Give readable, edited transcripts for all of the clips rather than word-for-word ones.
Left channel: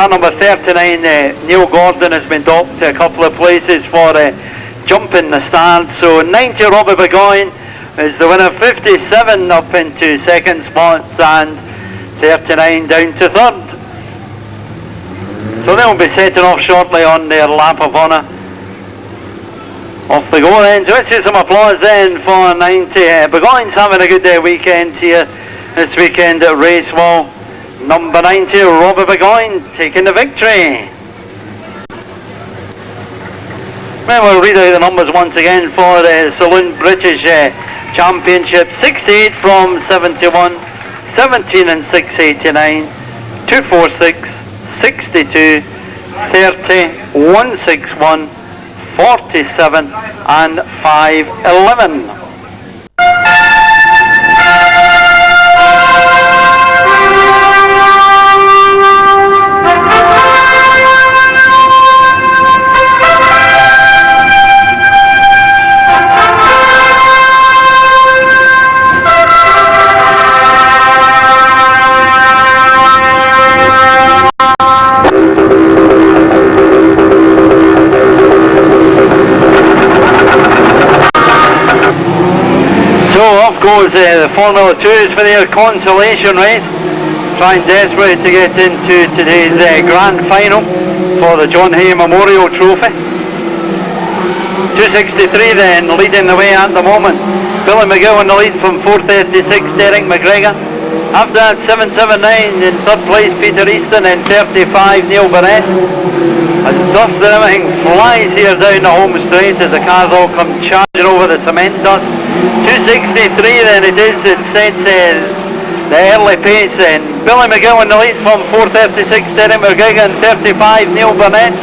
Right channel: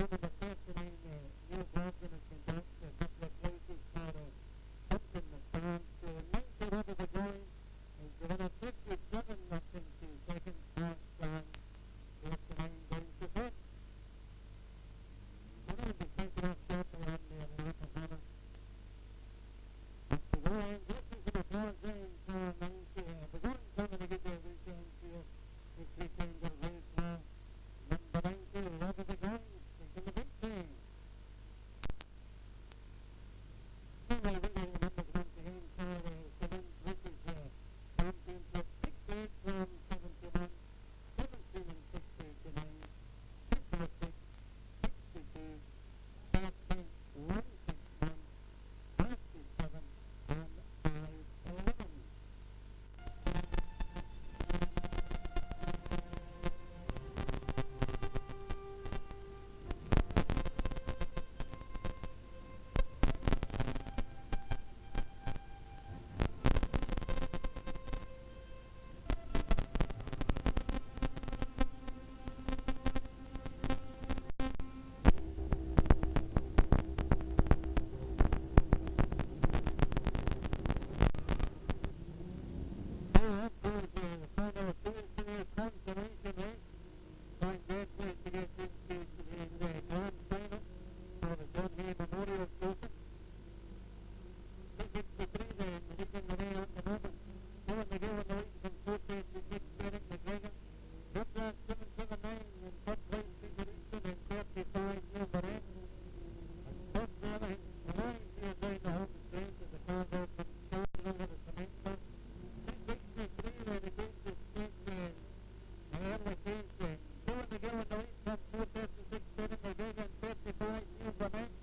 car number 39, Neil Gordon, has been docked to a couple of places for jumping the start. So 90, Robbie Burgoyne is the winner, 57 up into second spot, and 39 down to third. So they'll be setting off shortly on their lap of honour. Off they go then. So let's get some applause then for 90. Burgoyne's having a good weekend here this weekend at Racewell. Number 90, Robbie Burgoyne, taking the victory. Well, we'll read out the numbers once again for the Saloon British Championship. 68 from 71, 17 and 689, 246, 62, 30, 161, 47 and 511. Goes the Formula 2s for their consolation race, trying desperately to get into today's grand final for the John Hay Memorial Trophy. 263 then leading the way at the moment. Billy McGill in the lead from 436, Derek McGregor. After that 779 in third place, Peter Easton, and 35 Neil Barrett. As dust and everything flies here down the home straight as the cars all come charging over the cement dust. 263 then it is, it sets the early pace then. Billy McGill in the lead from 436, Derek McGregor, and 35 Neil Burnett.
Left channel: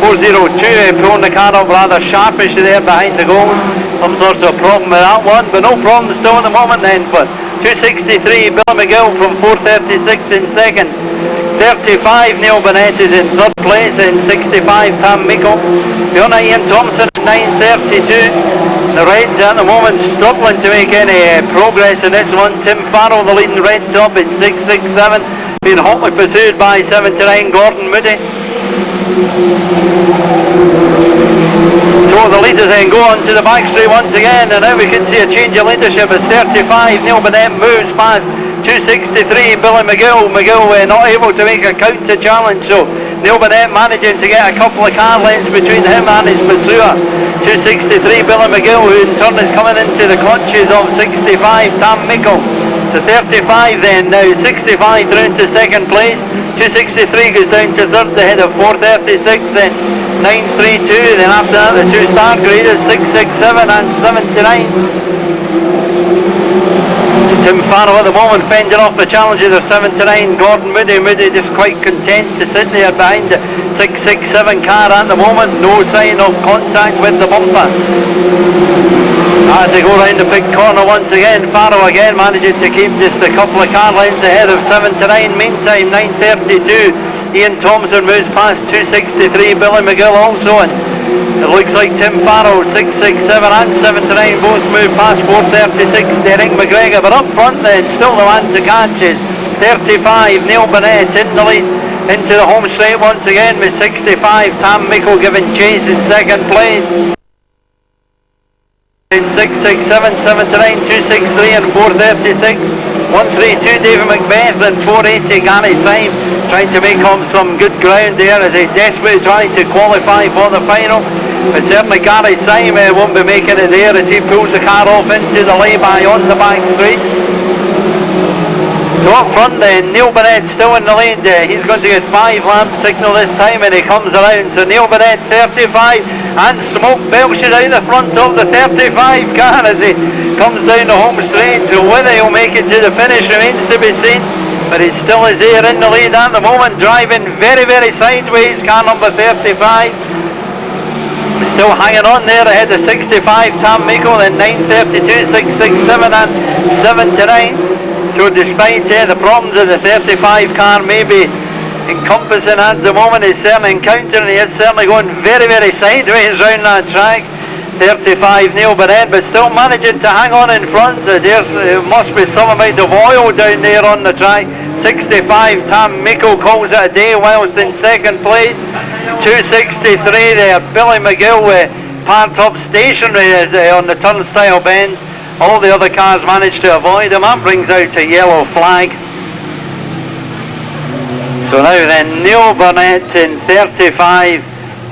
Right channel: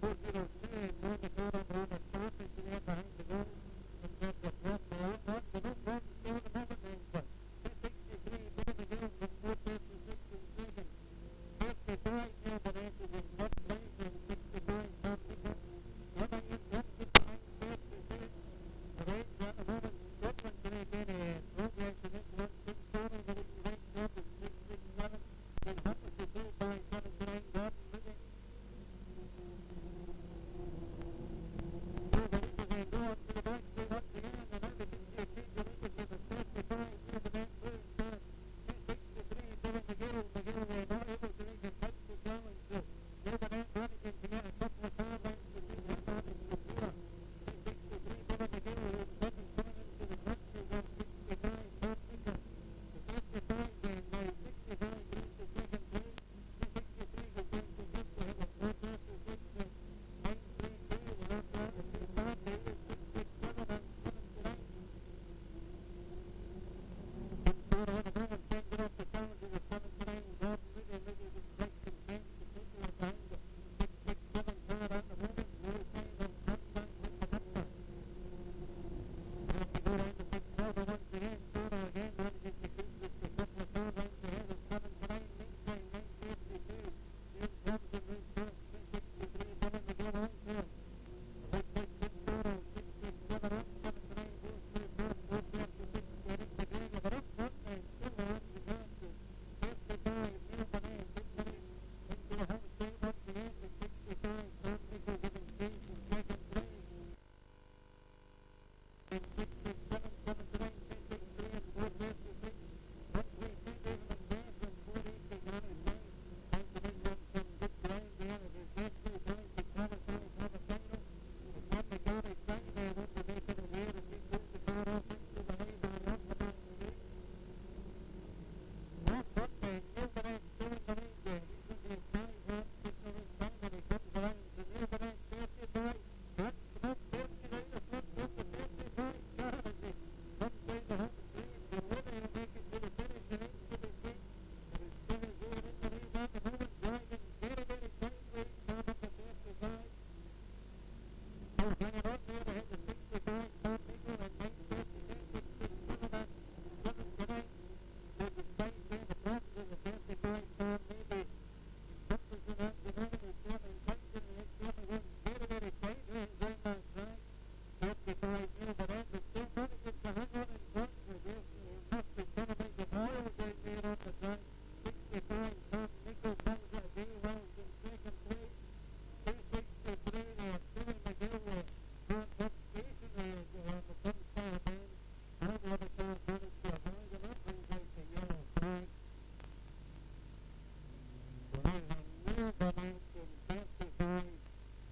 402 pulling the car up rather sharpish there behind the goal. Some sorts of problem with that one, but no problem still at the moment then. But 263 Billy McGill from 436 in second. 35 Neil Burnett is in third place, and 65 Tam Miko. Beyond Ian Thompson at 932. The Reds at the moment struggling to make any progress in this one. Tim Farrell, the leading red top, in 667, being hotly pursued by 79 Gordon Moody. So the leaders then go on to the back straight once again, and now we can see a change of leadership as 35 Neil Burnett moves past 263 Billy McGill. McGill not able to make a counter challenge, so Neil Burnett managing to get a couple of car lengths between him and his pursuer. 263 Billy McGill, who in turn is coming into the clutches of 65 Tam Mickle. So 35 then, now 65 through into second place. 263 goes down to third ahead of 436, then 932, then after that the two star graders 667 and 79. Tim Farrell at the moment fending off the challenges of 79 Gordon Moody. Moody just quite content to sit there behind the 667 car at the moment. No sign of contact with the bumper. As they go round the big corner once again, Farrell again managing to keep just a couple of car lengths ahead of 79. Meantime, 932 Ian Thompson moves past 263 Billy McGill also, and it looks like Tim Farrell, 667 and 79 both move past 436 Derek McGregor, but up front then still the man to catch is 35 Neil Burnett in the lead into the home straight once again with 65 Tam Mickle giving chase in second place. In 667, 79, 263 and 436. 132 David Macbeth and 480 Gary Syme trying to make up some good ground there as they desperately trying to qualify for the final. But certainly Gary Syme won't be making it there as he pulls the car off into the lay-by on the back straight. So up front then, Neil Burnett still in the lead. He's going to get 5 lap signal this time and he comes around. So Neil Burnett 35 and smoke belches out the front of the 35 car as he comes down the home straight. So whether he'll make it to the finish remains to be seen. But he still is here in the lead at the moment, driving very, very sideways, car number 35. Still hanging on there ahead of 65 Tam Miko, then 932, 667 and 79. So despite the problems of the 35 car maybe encompassing at the moment, he's certainly encountering, he is certainly going very, very sideways round that track. 35 Neil Burnett, but still managing to hang on in front. There must be some amount of oil down there on the track. 65, Tam Miko calls it a day whilst in second place. 263 there, Billy McGill parked up stationary on the turnstile bend. All the other cars managed to avoid him. That brings out a yellow flag. So now then, Neil Burnett in 35,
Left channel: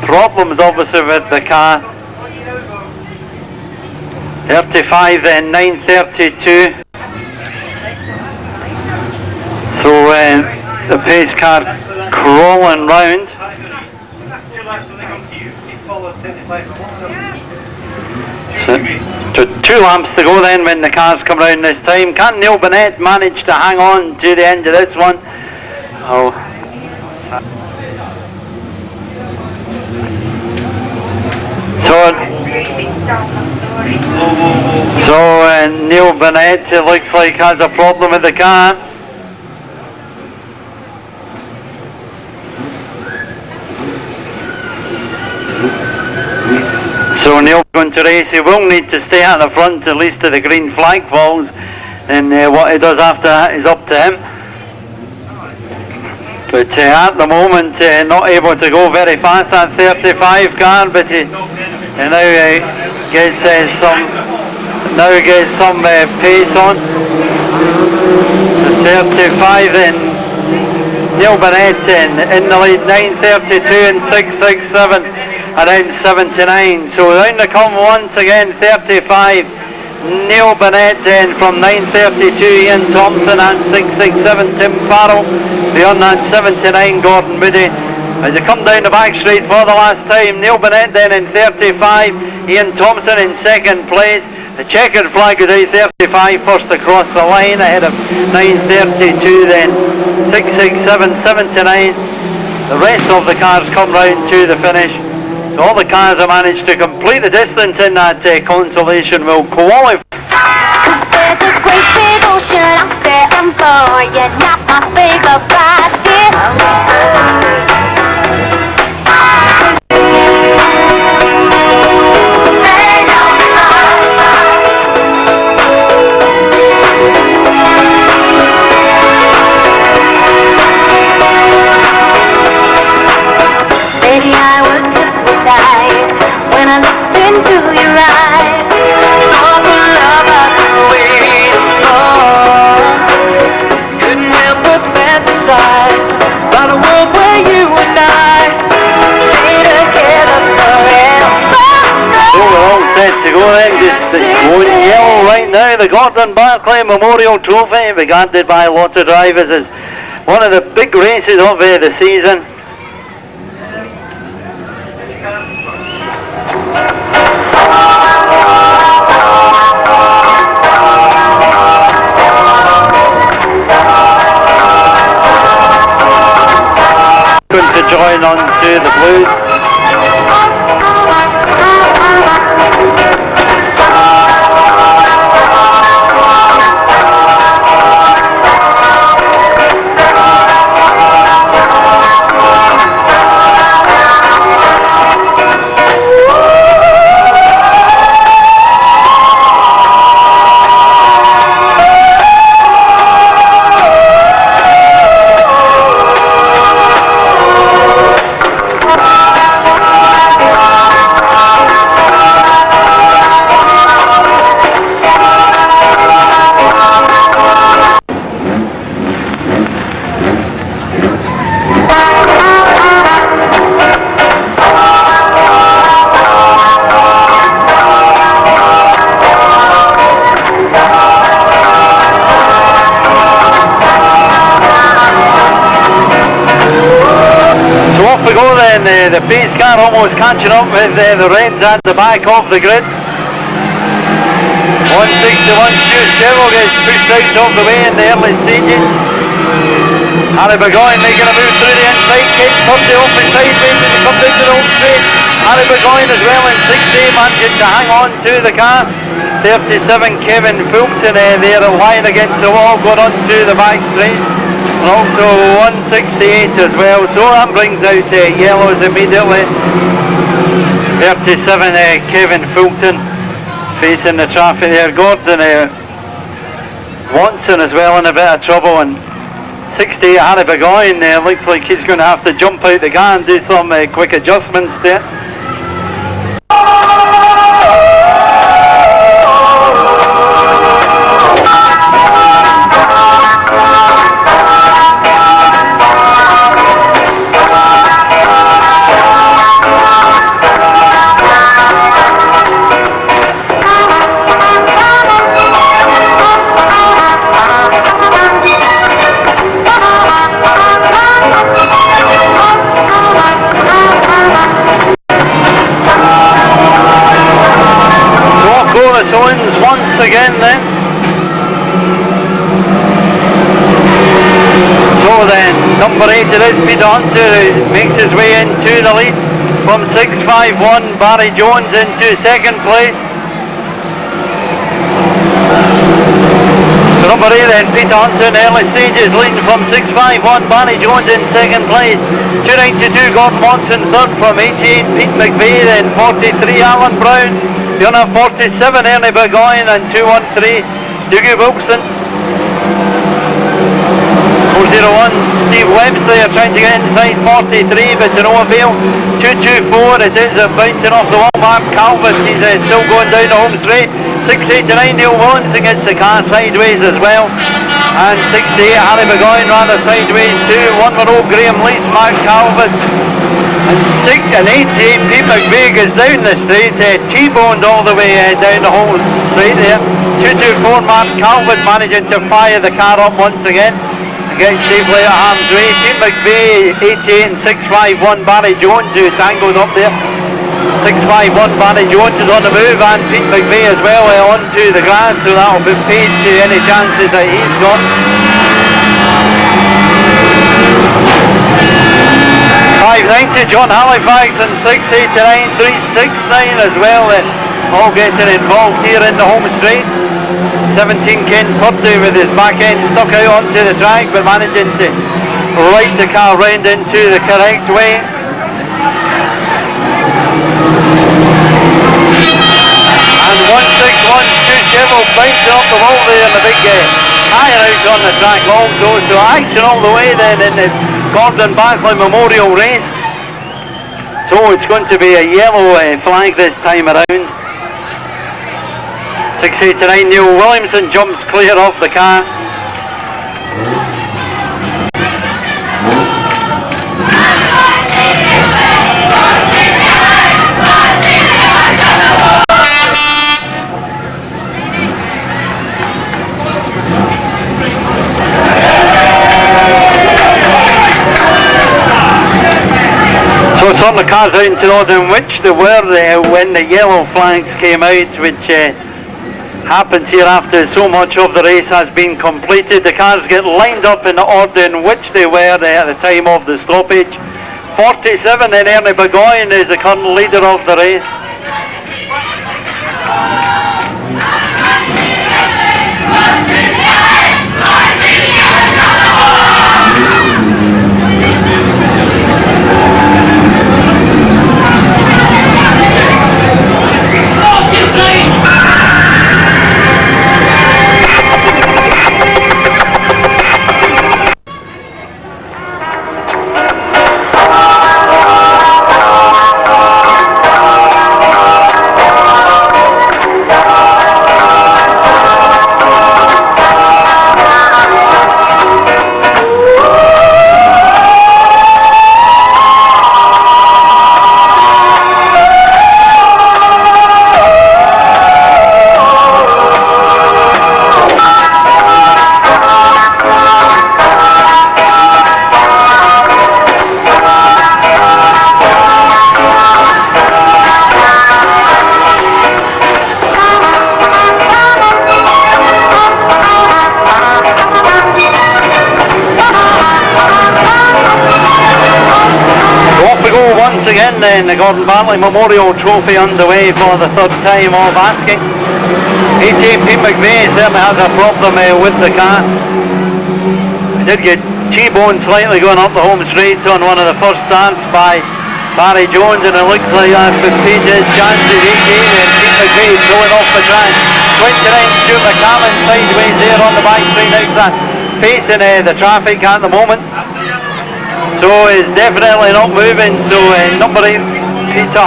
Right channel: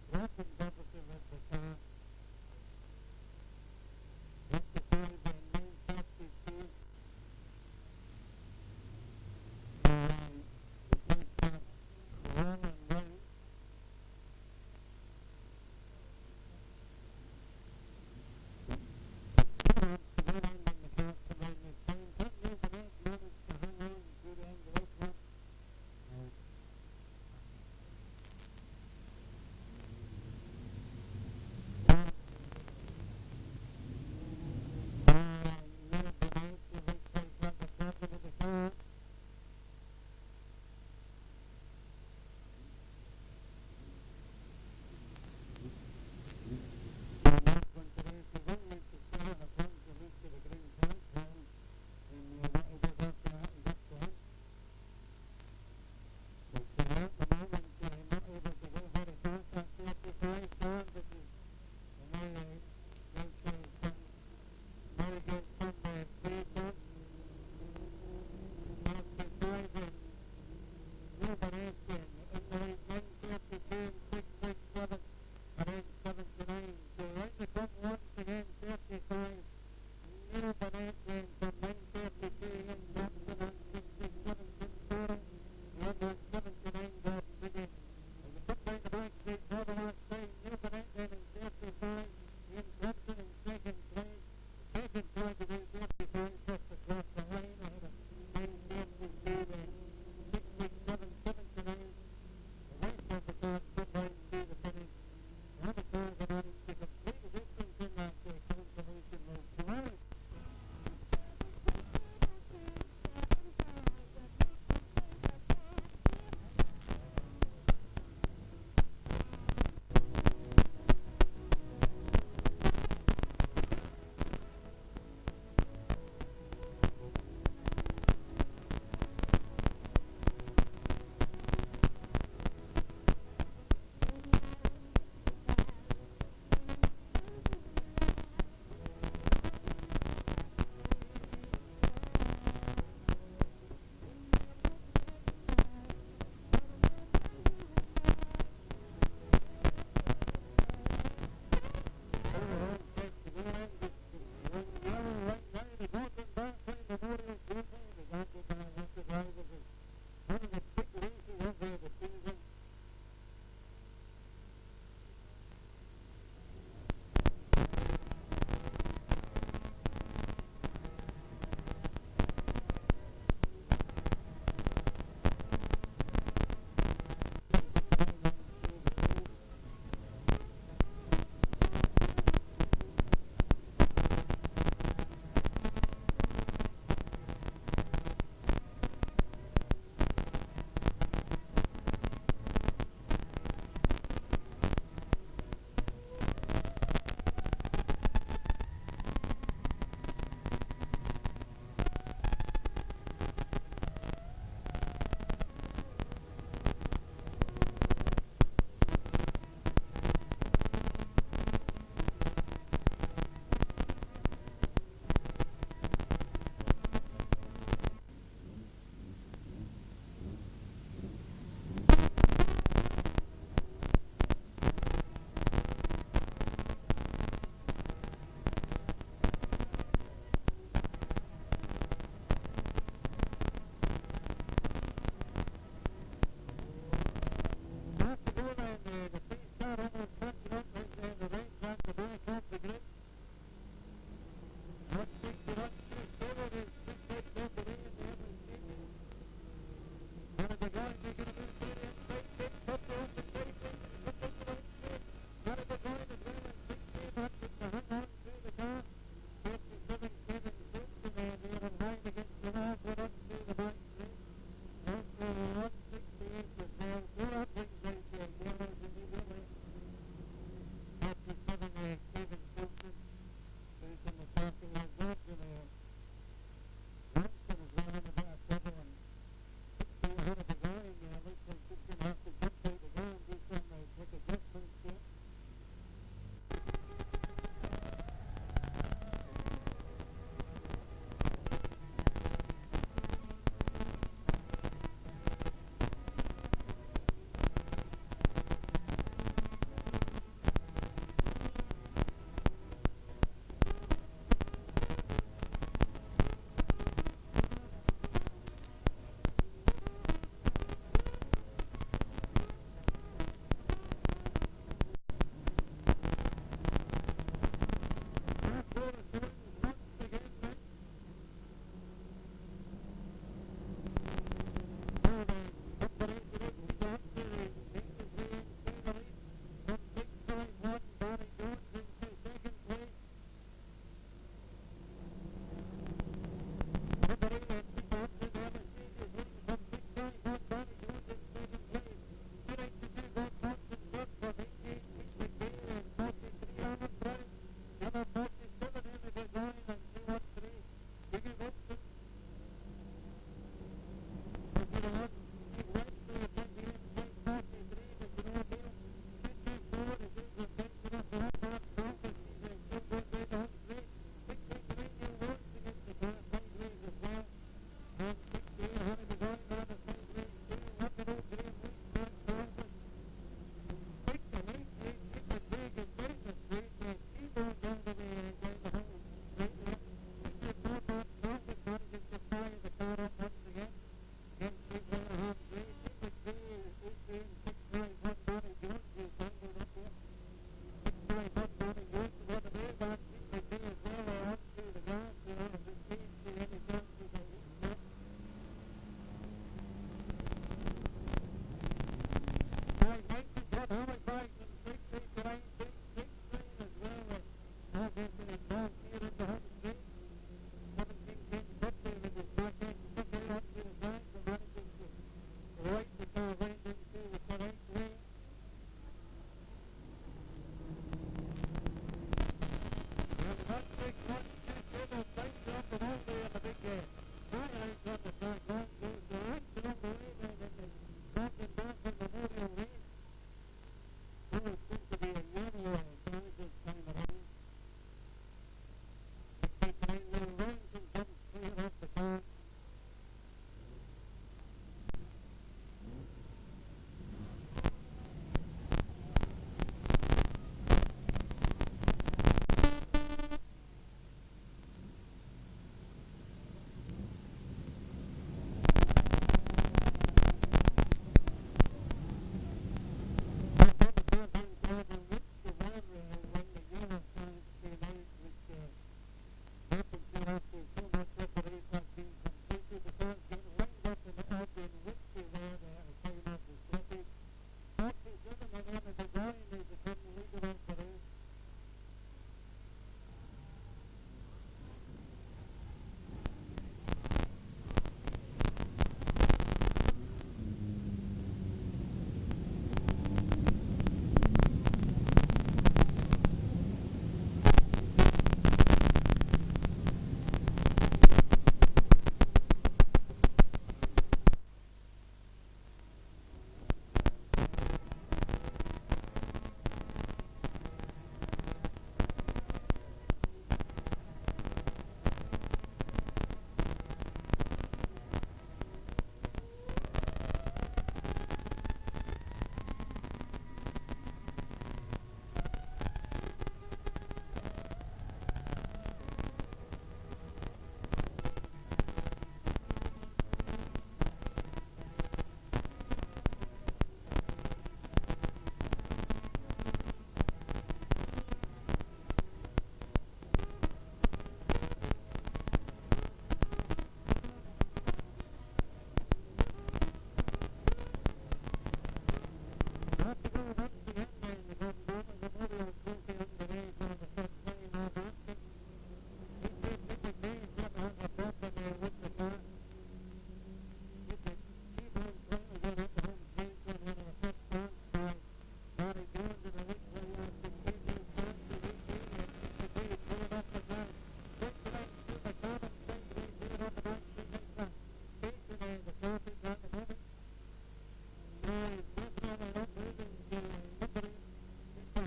problems obviously with the car. 35 then, 932. So the pace car crawling round. So 2 laps to go then when the cars come round this time. Can Neil Burnett manage to hang on to the end of this one? Oh. So Neil Burnett, it looks like, has a problem with the car. So Neil going to race. He will need to stay at the front at least till the green flag falls, and what he does after that is up to him. But at the moment not able to go very fast, that 35 car, but he now gets some pace on. The 35 then, Neil Burnett in the lead, 932 and 667 around 79. So round the come once again, 35 Neil Burnett then from 932, Ian Thompson, and 667 Tim Farrell. Beyond that, 79 Gordon Moody. As they come down the back straight for the last time, Neil Burnett then in 35, Ian Thompson in second place. The checkered flag is out, 35 first across the line ahead of 932 then, 667, 79. The rest of the cars come round to the finish. So all the cars have managed to complete the distance in that consolation will qualify. There's a great big ocean out there, I'm for you, not my favorite ride, The Gordon Barclay Memorial Trophy, regarded by a lot of drivers as one of the big races of the season. Going to join on to the Blues. The pace car almost catching up with the Reds at the back of the grid. 161 Stuart Chevrolet gets pushed out of the way in the early stages. Harry Burgoyne making a move through the inside, Kate Purdy open sideways as he comes into the home straight. Harry Burgoyne as well in 6A, managing to hang on to the car. 37 Kevin Fulton there lying against the wall, going on to the back straight. And also 168 as well, so that brings out yellows immediately. 37 Kevin Fulton facing the traffic there. Gordon Watson as well in a bit of trouble, and 60, Harry Burgoyne, looks like he's going to have to jump out the car and do some quick adjustments there. Saloons once again then. So then, number 8 it is, Peter Hunter, who makes his way into the lead from 6.51, Barry Jones into second place. So number 8 then, Peter Hunter in the early stages, leading from 6.51, Barry Jones in second place. 2.92, Gordon Watson third from 88, Pete McVeigh, then 43, Alan Brown. Fiona 47, Ernie Burgoyne, and 213, Dougie Wilson. 401, Steve Webb's there trying to get inside 43, but to no avail. 224, it is bouncing off the wall. Mark Calvert, he's still going down the home straight. 689, Neil Williamson gets the car sideways as well. And 68, Harry Burgoyne rather sideways too. 1 row, Graham Lees, Mark Calvert. And 88, Pete McVeigh goes down the straight, T-boned all the way down the whole straight there. 224, Mark Calvert managing to fire the car up once again and get safely at harm's way. Pete McVeigh, 88 and 651, Barry Jones, who tangled up there. 651, Barry Jones is on the move, and Pete McVeigh as well onto the grass, so that'll be paid to any chances that he's got. 590, John Halifax, and 689, 369 as well, all getting involved here in the home straight. 17, Ken Purdy with his back end stuck out onto the track, but managing to right the car round into the correct way. And 161, Stu Chevel bouncing off the wall there in the big tyre out on the track also, so action all the way then in the Gordon Barclay Memorial Race. So it's going to be a yellow flag this time around. 689, Neil Williamson jumps clear off the car. So some of the cars out into those in which they were when the yellow flags came out, which happens here after so much of the race has been completed. The cars get lined up in the order in which they were at the time of the stoppage. 47, then Ernie Burgoyne is the current leader of the race. Again then, the Gordon Bartley Memorial Trophy underway for the third time of asking. 18, Pete McVeigh certainly has a problem with the car. He did get T-boned slightly going up the home straight on one of the first starts by Barry Jones, and it looks like that could change his chances. 18 and Pete McVeigh going off the track. 29, Stuart McCallum sideways there on the back straight outside. facing the traffic at the moment, so he's definitely not moving. So number 8, Peter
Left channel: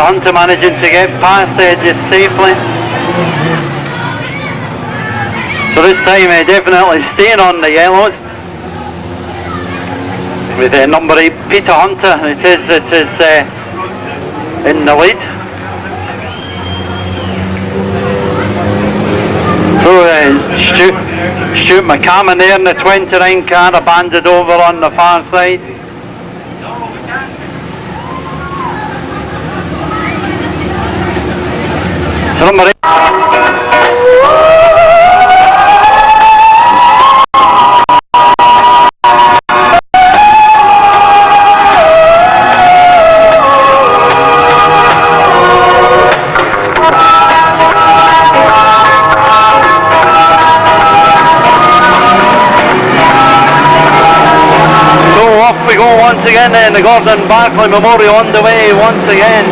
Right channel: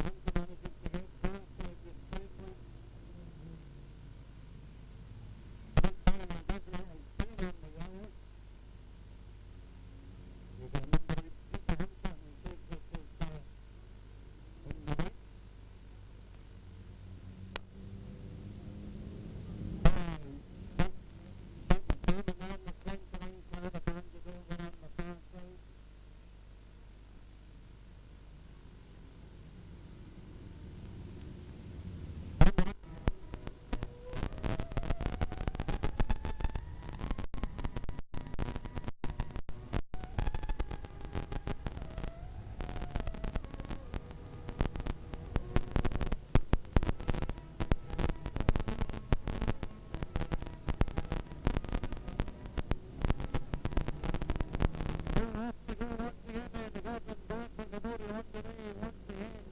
Hunter managing to get past just safely. So this time definitely staying on the yellows with number 8 Peter Hunter. It is in the lead. So Stuart McCammon there in the 29 car, abandoned over on the far side. So number 8. Once again, the Gordon Barclay Memorial on the way once again.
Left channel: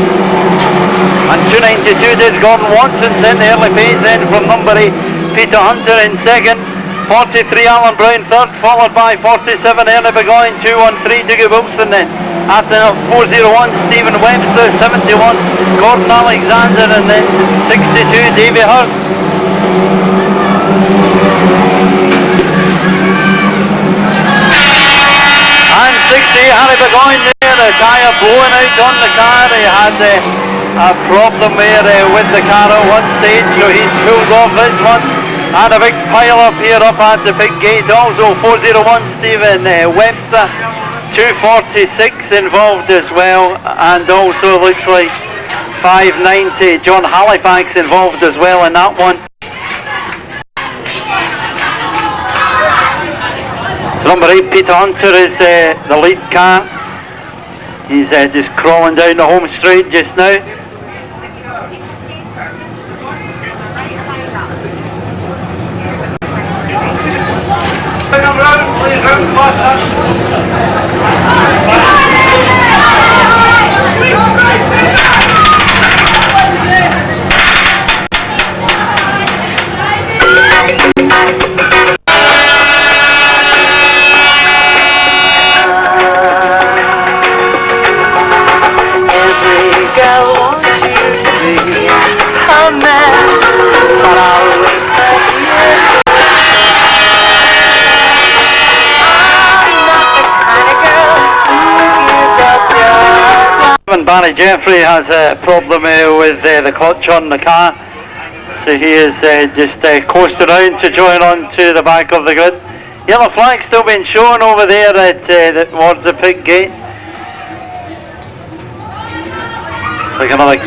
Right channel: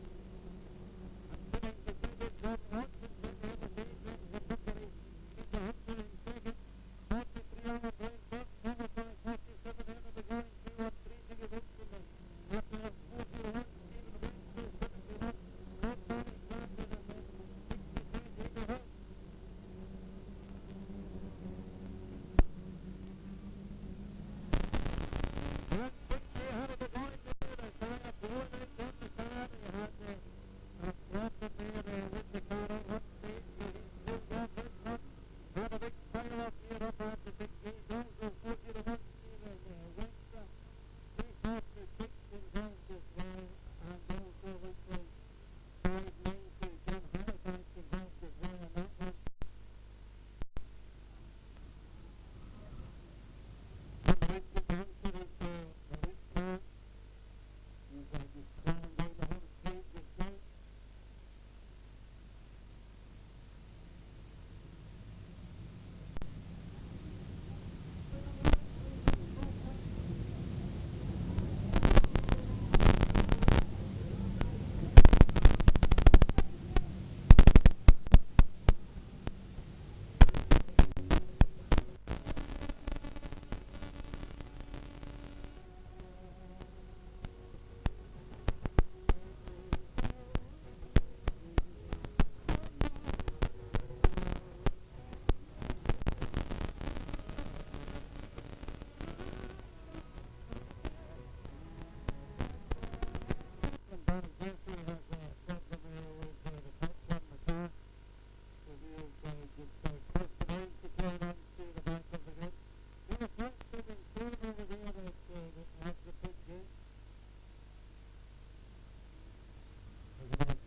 And 292 did Gordon Watson in the early pace then from number 8 Peter Hunter in second, 43 Alan Brown third, followed by 47 Ernie Burgoyne, 213 Dougie Wilson then. After 401 Stephen Webster, 71 Gordon Alexander, and then 62 Davy Hurst. 60 Harry Burgoyne there, the tyre blowing out on the car. He had a problem there with the car at one stage, so he's pulled off this one. And a big pile up here up at the big gate also. 401 Stephen Webster, 246 involved as well, and also looks like 590 John Halifax involved as well in that one. Number 8 Peter Hunter is the lead car. He's just crawling down the home straight just now. Barry Jeffrey has a problem with the clutch on the car, so he is just coasting around to join on to the back of the grid. Yellow flag still being shown over there at towards the pit gate. It's like another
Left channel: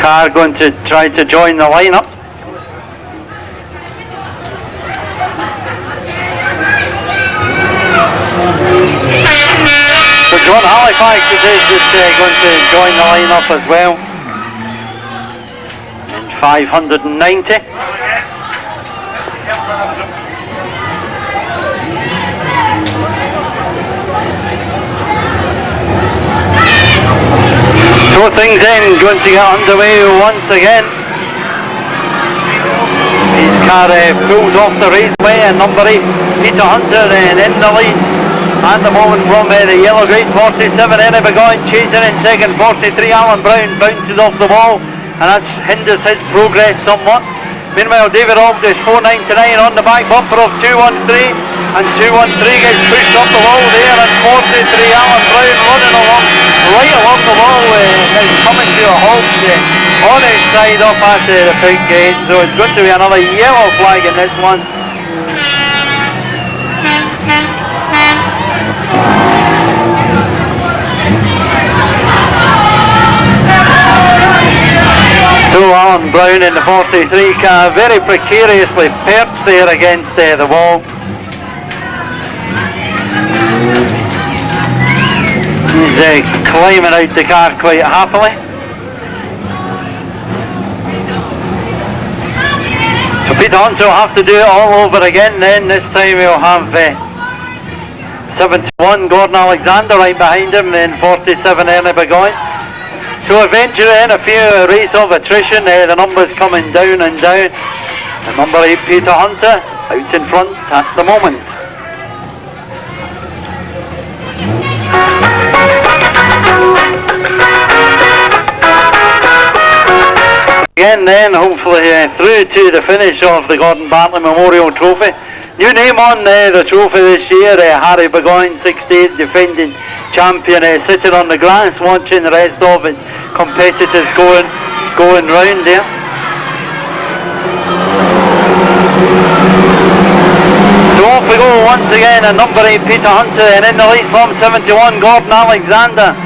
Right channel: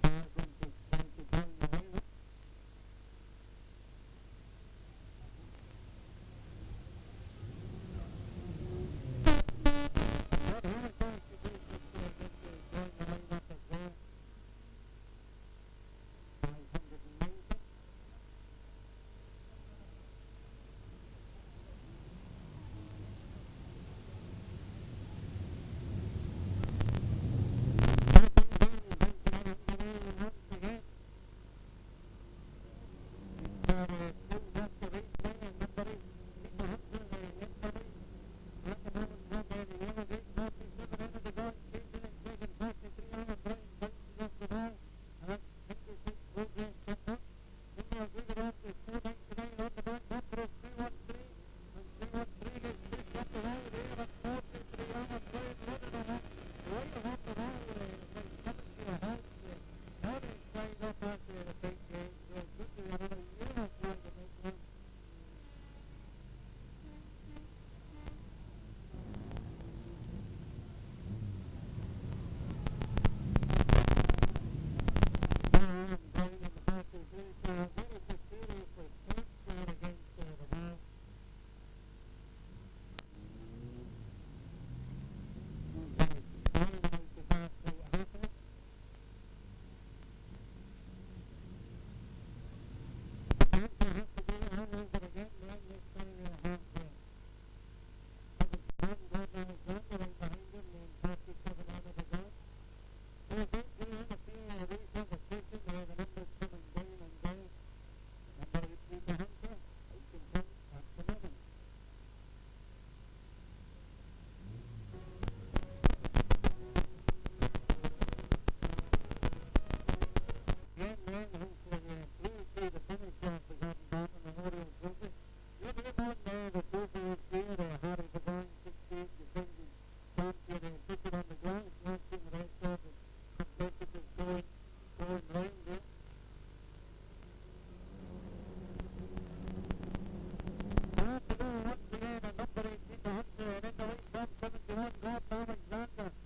car going to try to join the lineup. So John Halifax is just going to join the lineup as well in 590. So things then going to get underway once again. His car pulls off the raceway, and number 8 Peter Hunter in the lead. At the moment from the yellow grade, 47 Ernie Burgoyne chasing in second, 43 Alan Brown bounces off the wall, and that hinders his progress somewhat. Meanwhile David Auld is 499 on the back bumper of 213, and 213 gets pushed up the wall there, and 43 Alan Brown running along, right along the wall, is coming to a halt on his side up at the pit gate, so it's going to be another yellow flag in this one. So Alan Brown in the 43 car very precariously perched there against the wall. He's climbing out the car quite happily. So Peter Hunter will have to do it all over again then. This time he'll have 71 Gordon Alexander right behind him, then 47 Ernie Burgoyne. So eventually in a few race of attrition, the numbers coming down and down. And number 8 Peter Hunter out in front at the moment. Again then, hopefully through to the finish of the Gordon Bartlett Memorial Trophy. New name on the trophy this year, Harry Burgoyne, 68, defending champion, sitting on the grass watching the rest of his competitors going round there. So off we go once again, and number 8 Peter Hunter, and in the lead from 71 Gordon Alexander.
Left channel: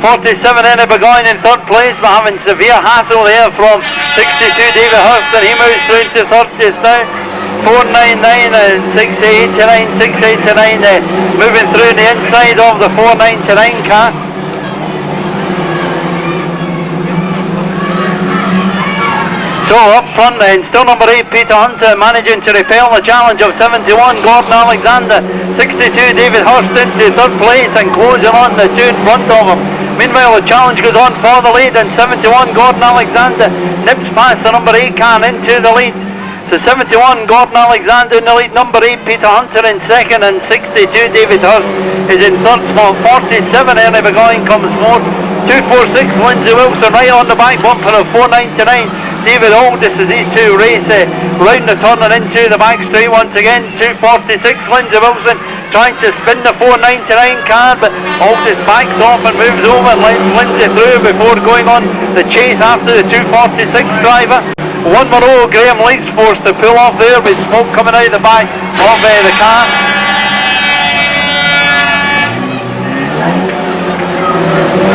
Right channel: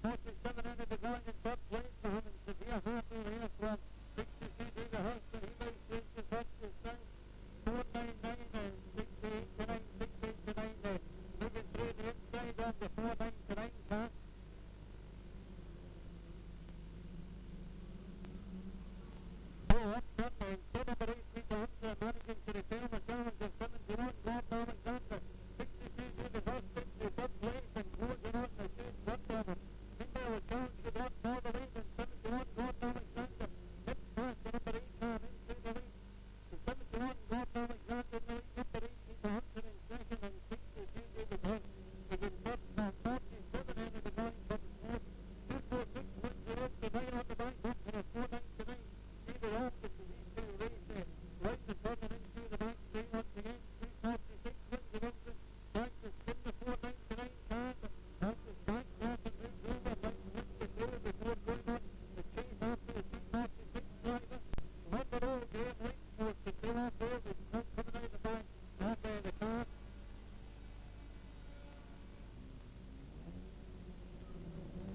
47 Henry Burgoyne in third place, but having severe hassle there from 62 David Hurst, and he moves through to third just now. 499 and 689, 689 moving through the inside of the 499 car. So up front then, still number 8 Peter Hunter managing to repel the challenge of 71 Gordon Alexander. 62 David Hurst into third place and closing on the two in front of him. Meanwhile the challenge goes on for the lead, and 71 Gordon Alexander nips past the number 8 car into the lead. So 71 Gordon Alexander in the lead, number 8 Peter Hunter in second, and 62 David Hurst is in third spot. 47 Henry Burgoyne comes fourth. 246 Lindsay Wilson right on the back bumper of 499 David Aldis as these two race round the turn and into the back straight once again. 246 Lindsay Wilson trying to spin the 499 car, but Aldis backs off and moves over and lets Lindsay through before going on the chase after the 246 driver. One more row, Graham Lee's forced to pull off there with smoke coming out the back of the car.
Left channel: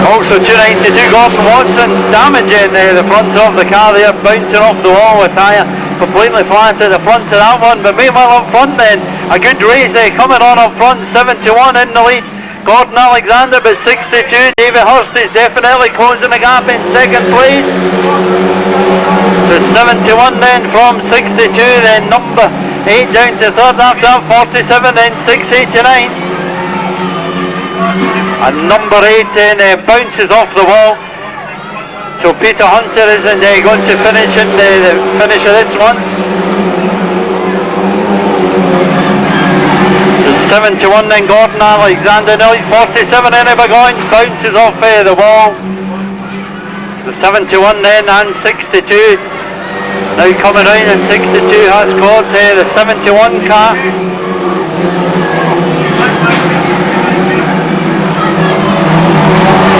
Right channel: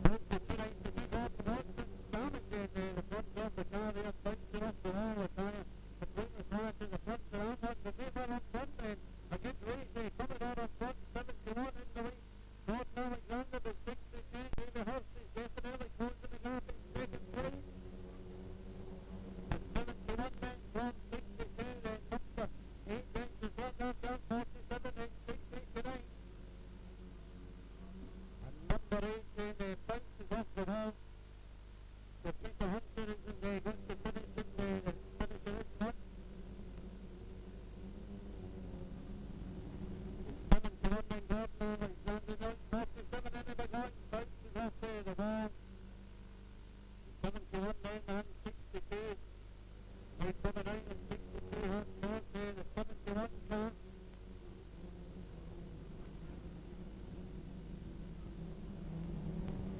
Also 292 Gordon Watson damaging the front of the car there, bouncing off the wall with tyre completely flat at the front of that one. But meanwhile up front then, a good race coming on up front, 71 in the lead. Gordon Alexander, but 62 David Hurst is definitely closing the gap in second place. So 71 then from 62, then number 8 down to third after that, 47, then 689. And number 8 then bounces off the wall. So Peter Hunter isn't going to finish in the finish of this one. So 71 then Gordon Alexander, no, 47 Henry Burgoyne bounces off the wall. So 71 then and 62. Now coming round, and 62 has caught the 71 car.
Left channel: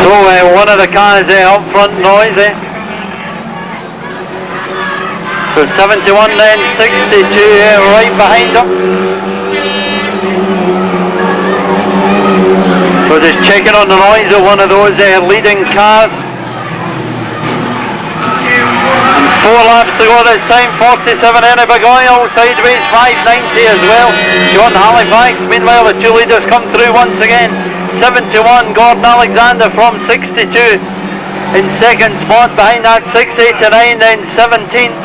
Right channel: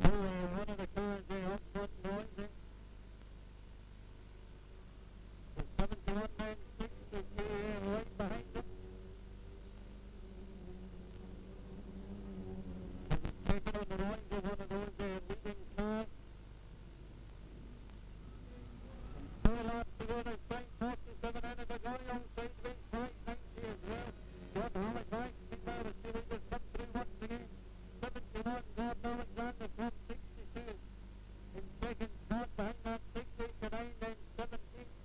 So one of the cars up front noisy. So 71 then, 62 right behind them. So just checking on the noise of one of those leading cars. 4 laps to go this time, 47 Henry Burgoyne, all sideways, 590 as well. John Halifax, meanwhile the two leaders come through once again. 71 Gordon Alexander from 62 in second spot, behind that 689, then 17th.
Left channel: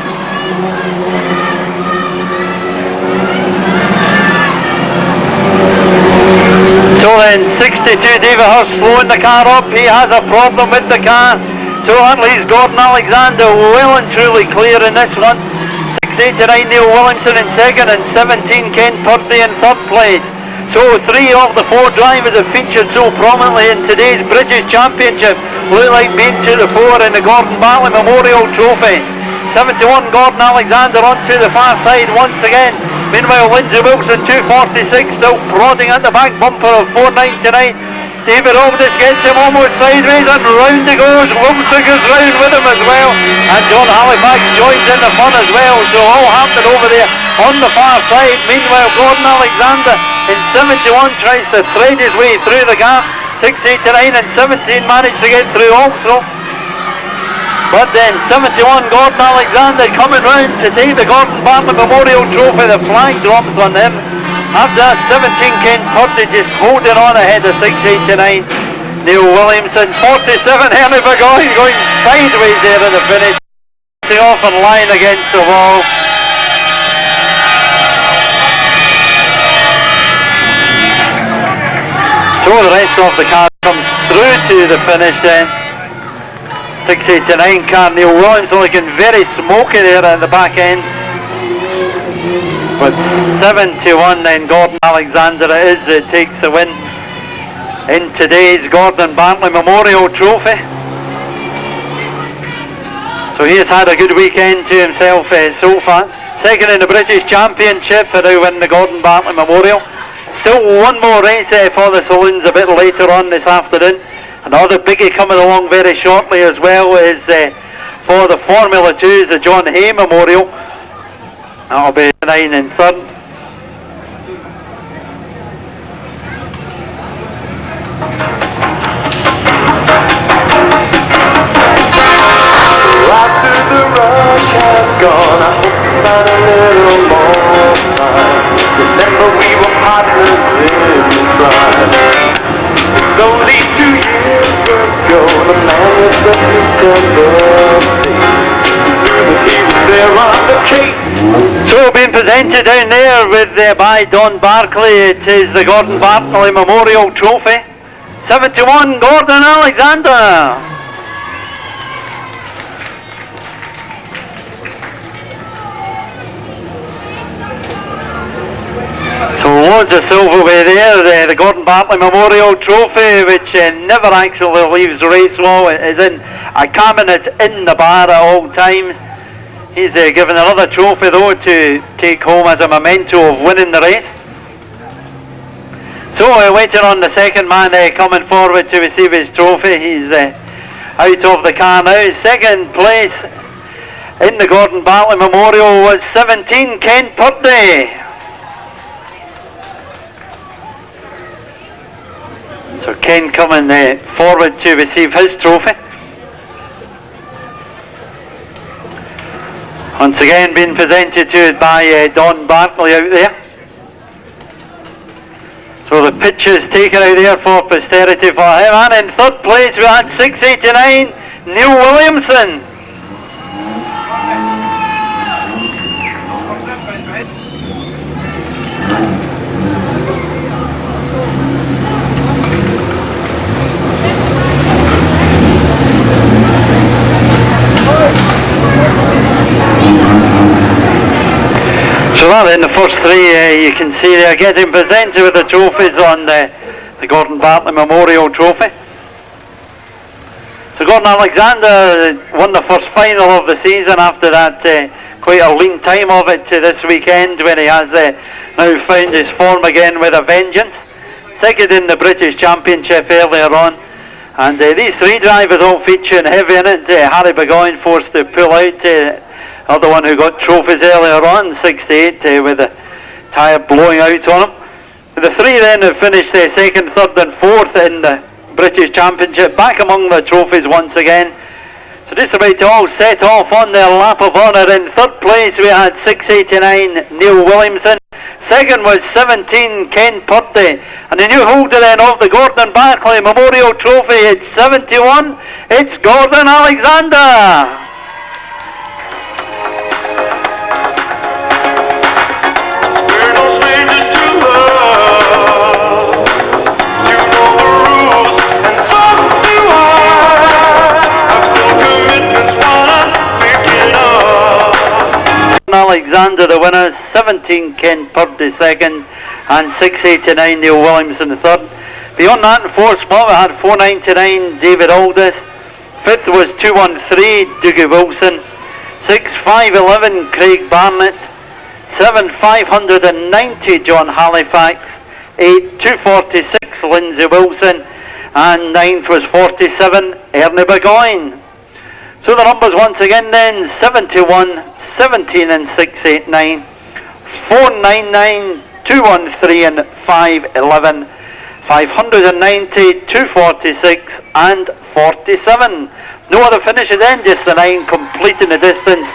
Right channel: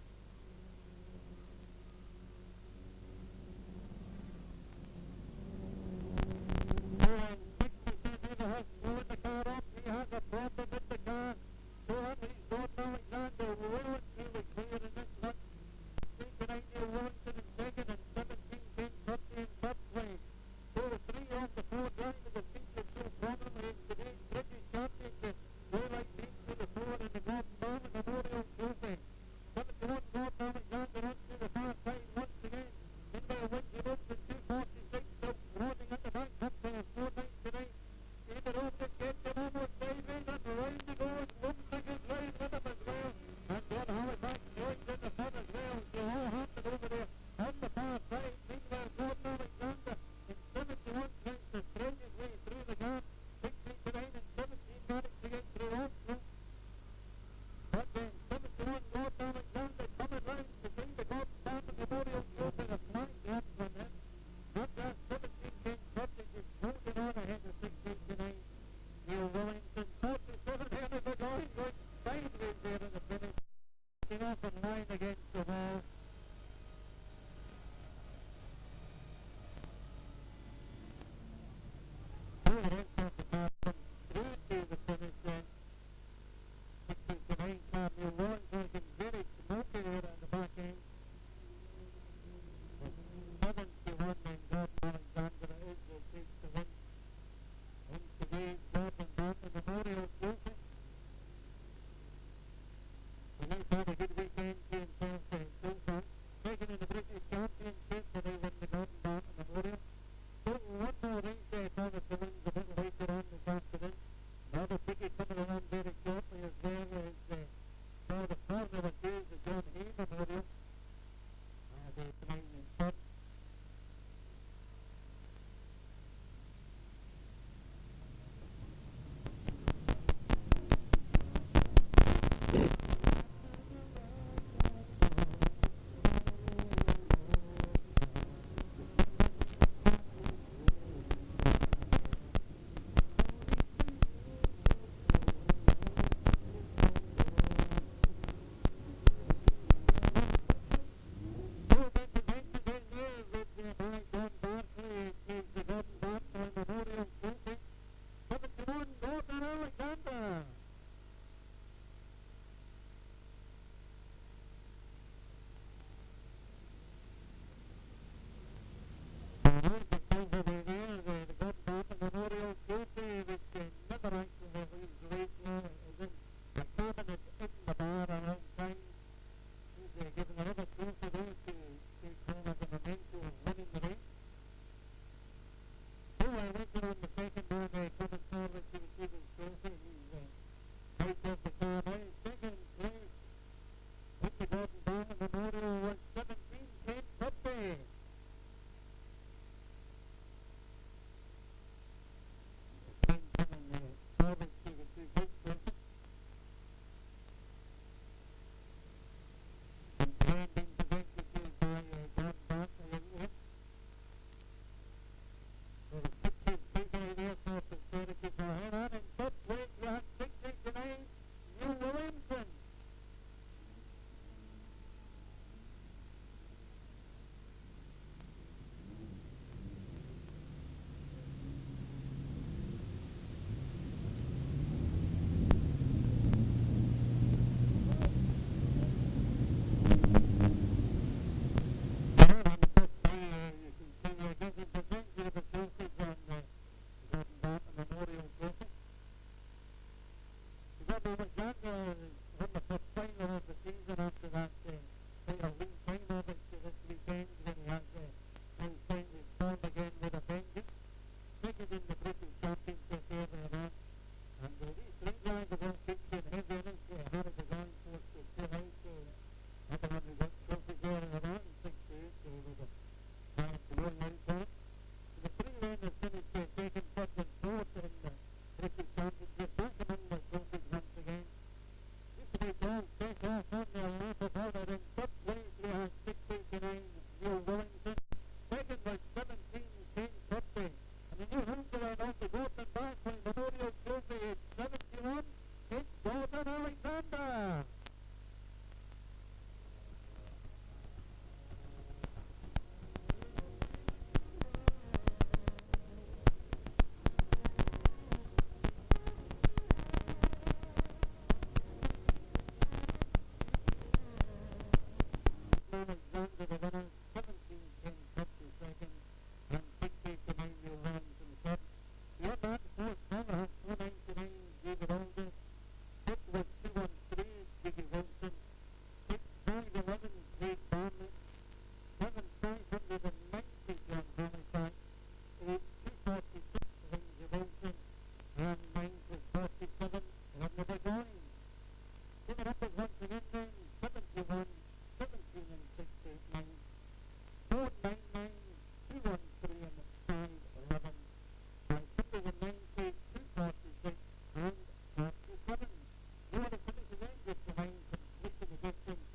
So then 62 David Hurst slowing the car up, he has a problem with the car. So that leaves Gordon Alexander well and truly clear in this one. 689 Neil Williamson in second, and 17 Ken Purdy in third place. So 3 of the 4 drivers have featured so prominently in today's British Championship look like being to the fore in the Gordon Bartlett Memorial Trophy. 71 Gordon Alexander onto the far side once again. Meanwhile Lindsay Wilson 246 still prodding at the back bumper of 499. David Aldis gets him almost sideways, and round he goes. Wilson goes round with him as well, and John Halifax joins in the fun as well. So all happening over there on the far side. Meanwhile Gordon Alexander in 71 tries to thread his way through the gap. 689 and 17 managed to get through also. But then 71 Gordon Alexander coming round to take the Gordon Bartlett Memorial Trophy. The flag drops on him. After that 17 Ken Purdy just holding on ahead of 689 Neil Williamson. 47 Henry Burgoyne going sideways there in the finish, off and lying against the wall. So the rest of the car comes through to the finish then. 689 car, Neil Williamson looking very smoky there at the back end. But 7-1, then Gordon Alexander it is that takes the win in today's Gordon Bartley Memorial Trophy. So he has had a good weekend to himself so far. Second in the British Championship for now winning the Gordon Bartley Memorial. Still one more race for the Saloons a bit later on this afternoon. Another biggie coming along very shortly as well is for the Formula 2's the John Hay Memorial. That'll be 9 and 3rd. After the rush has gone, I hope you find a little more time. Remember we were partners in crime. It's only 2 years ago, the man with the September face knew that he was there on the case. So being presented down there with by Don Barclay, it is the Gordon Bartley Memorial Trophy. 7-1, Gordon Alexander. So loads of silverware there, the Gordon Bartley Memorial Trophy, which never actually leaves Racewall. It is in a cabinet in the bar at all times. He's given another trophy though to take home as a memento of winning the race. So waiting on the second man coming forward to receive his trophy. He's out of the car now. Second place in the Gordon Bartley Memorial was 17, Ken Purdy. So Ken coming forward to receive his trophy. Once again being presented to it by Don Bartley out there. So the picture is taken out there for posterity for him. And in third place we had 689, Neil Williamson. So that in the first three, you can see they're getting presented with the trophies on the Gordon Bartley Memorial Trophy. So Gordon Alexander won the first final of the season after that quite a lean time of it to this weekend when he has now found his form again with a vengeance. Second in the British Championship earlier on. And these three drivers all featuring heavy in it. Harry Burgoyne forced to pull out. Other one who got trophies earlier on, 68, with the tyre blowing out on him. The three then have finished second, third and fourth in the British Championship, back among the trophies once again. So just about to all set off on their lap of honour. In third place we had 689, Neil Williamson. Second was 17, Ken Purdy. And the new holder then of the Gordon Bartley Memorial Trophy, it's 71, it's Gordon Alexander. Alexander the winner, 17 Ken Purdy second, and 689 Neil Williamson third. Beyond that, in fourth spot we had 499 David Aldis. Fifth was 213 Dougie Wilson. 6 511 Craig Barnett. 7 590 John Halifax. 8 246 Lindsay Wilson, and 9th was 47 Ernie Burgoyne. So the numbers once again then, 71, 17 and 689, 499, 213 and 511, 590, 246 and 47. No other finishes then, just the 9 completing the distance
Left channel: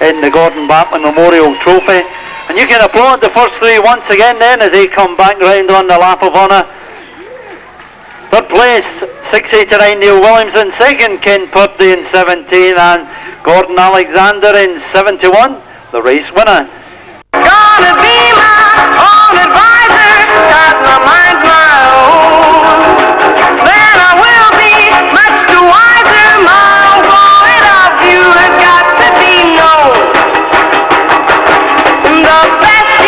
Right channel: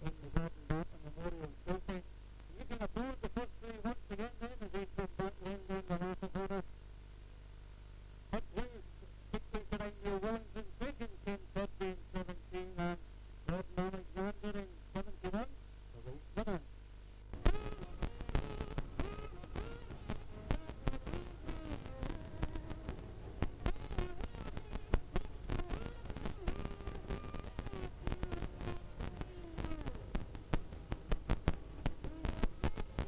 in the Gordon Bartley Memorial Trophy. And you can applaud the first three once again then as they come back round on the lap of honour. Third place, 689 Neil Williamson. Second, Ken Purdy in 17, and Gordon Alexander in 71, the race winner. Gonna be my own advisor, 'cause my mind's my own. Then I will be much too wiser. My point of view has got to be known. The best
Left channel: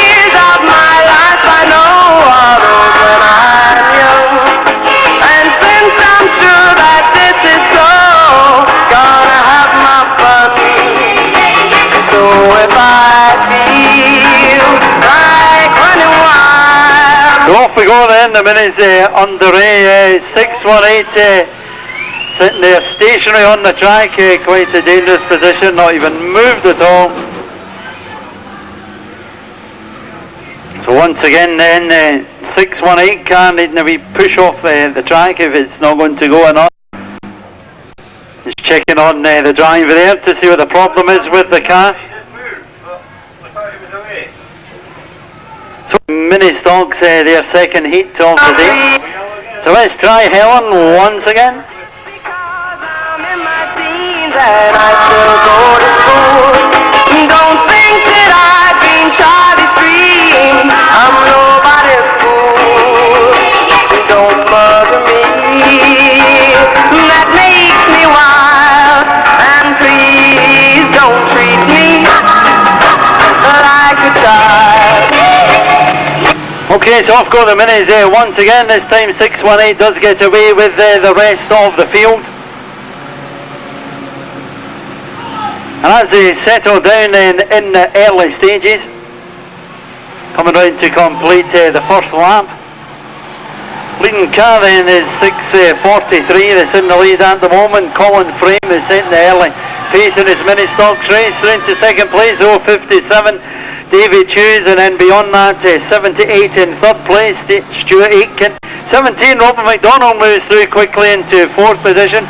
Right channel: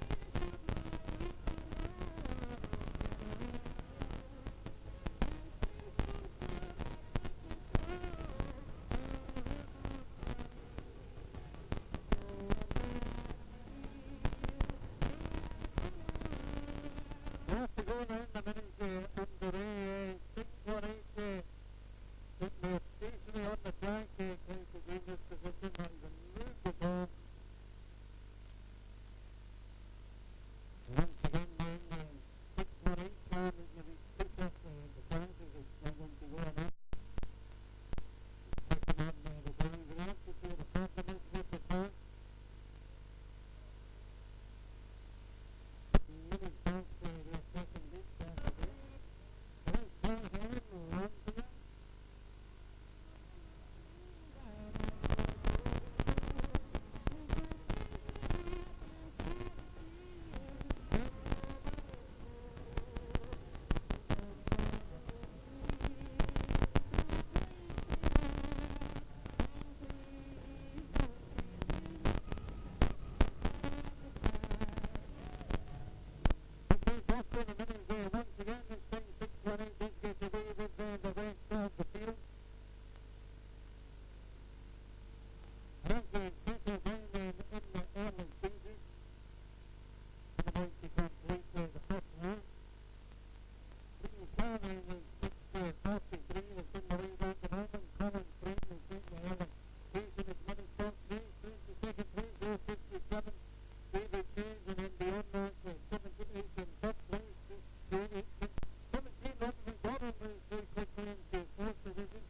go then, the minutes underway, 618 sitting there stationary on the track, quite a dangerous position, not even moved at all. So once again then, 618 car needing a wee push off the track if it's not going to go or not. Just checking on the driver there to see what the problem is with the car. So mini stocks their second heat of the day. So let's try Helen once again. That I still go to school. Don't think that I've been Charlie's dream. I'm nobody's fool. Don't bother me. That makes me wild. And please don't treat me like a child. Okay, so off go the minis once again. This time 618 does get away with the rest of the field. And as they settle down in the early stages, coming round to complete the first lap. Leading car then is 6:43, that's in the lead at the moment. Colin Frame is setting the early pace in his mini stocks race. Through into second place, 0:57, David Hughes, and then beyond that 78 in third place, Stuart Aitken. 17, Robert McDonald moves through quickly into fourth position,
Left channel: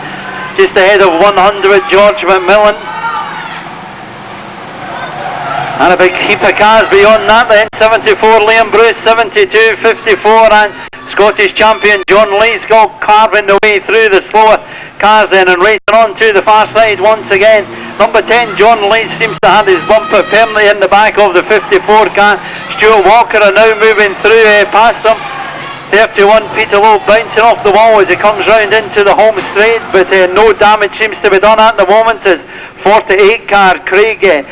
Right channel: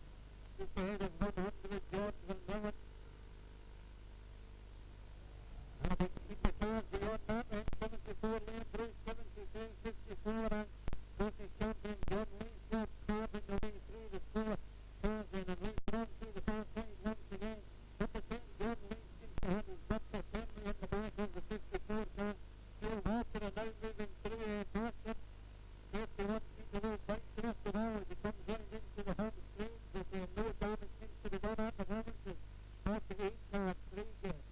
just ahead of 100, George McMillan. And a big heap of cars beyond that then, 74 Liam Bruce, 72, 54 and Scottish champion John Leescott carving the way through the slower cars then and racing on to the far side once again. Number 10 John Lees seems to have his bumper firmly in the back of the 54 car. Stuart Walker are now moving through past them. 31 Peter Lowe bouncing off the wall as he comes round into the home straight, but no damage seems to be done at the moment as 48 car Craig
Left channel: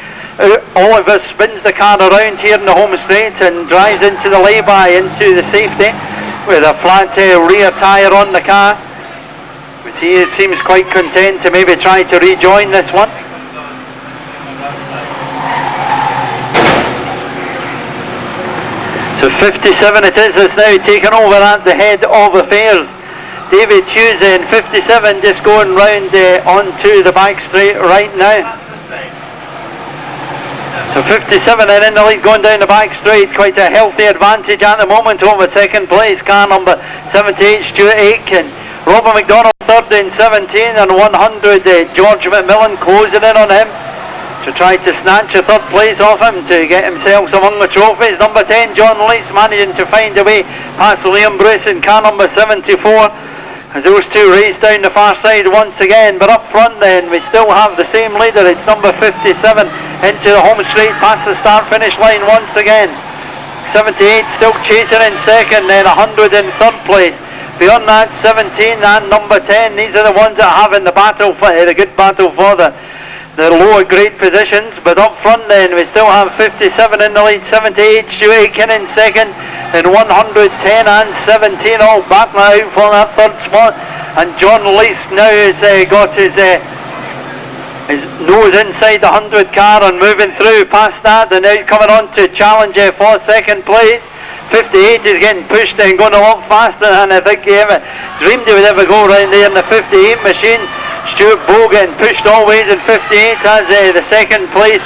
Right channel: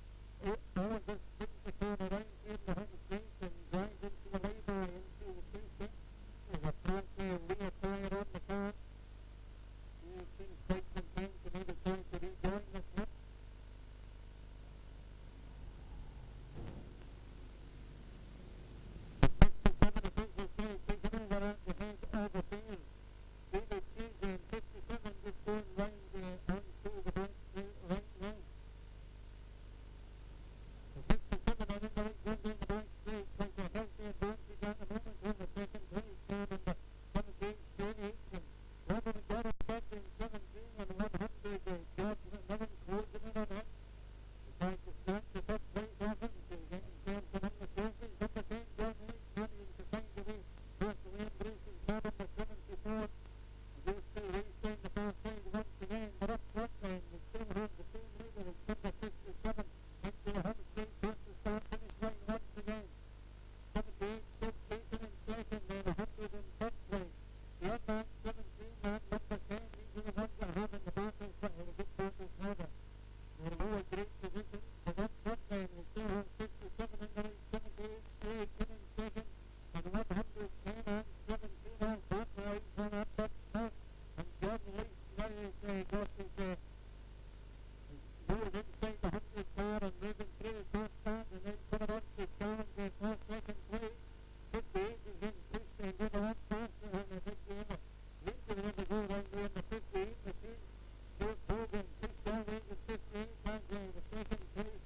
Oliver spins the car around here in the home straight and drives into the lay-by, into the safety with a flat rear tyre on the car. He seems quite content to maybe try to rejoin this one. So 57 it is that's now taken over at the head of affairs. David Hughes in 57 just going round onto the back straight right now. So 57 and in the lead going down the back straight, quite a healthy advantage at the moment over second place, car number 78 Stuart Aitken. Robert McDonald third in 17 and 100 George McMillan closing in on him to try to snatch a third place off him to get himself among the trophies. Number 10 John Lees managing to find a way past Liam Bruce in car number 74 as those two race down the far side once again. But up front then we still have the same leader, it's number 57 into the home straight past the start finish line once again. 78 still chasing in second, then 100 in third place. Beyond that 17 and number 10, these are the ones that have in the battle for the good battle for the lower grade positions. But up front then we still have 57 in the lead, 78 Stuart Aitken in second, then 110 and 17 all battling out for that third spot. And John Lees now has got his nose inside the 100 car and moving through past that, and now coming on to challenge for second place. 58 is getting pushed and going a lot faster than I think he ever dreamed he would ever go around there in the 58 machine. Stuart Bow getting pushed always in 58 as the second place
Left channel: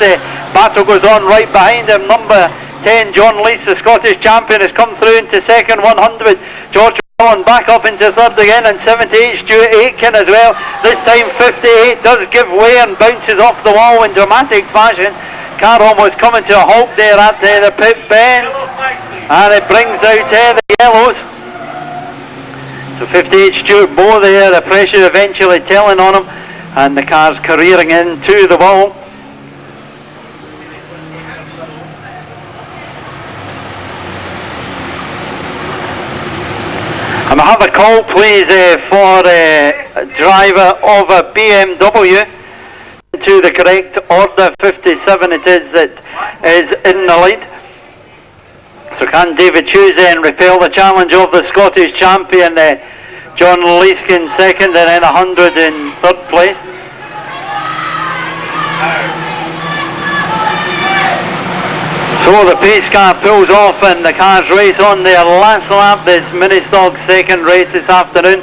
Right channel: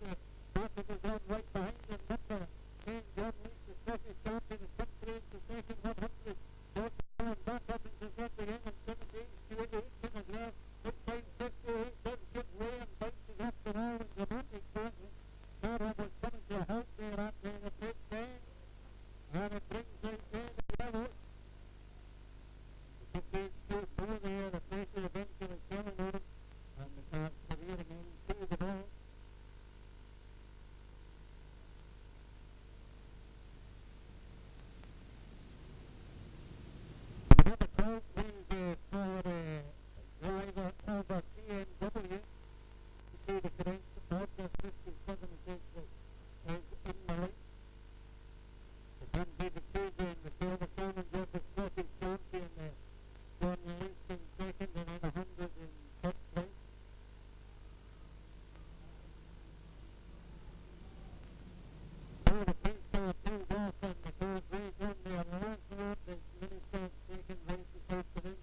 battle goes on right behind him. Number 10 John Lees, the Scottish champion, has come through into second. 100 George McMillan back up into third again, and 78 Stuart Aitken as well. This time 58 does give way and bounces off the wall in dramatic fashion. Car almost coming to a halt there at the pit bend, and it brings out the yellows. So 58 Stuart Bow there, the pressure eventually telling on him, and the car's careering into the wall. And I have a call please for a driver of a BMW to the correct order. 57 it is that is in the lead. So can David Hughes then repel the challenge of the Scottish champion John Leeskin second, and then 100 in third place? So the pace car pulls off and the cars race on their last lap. This mini stock second race this afternoon.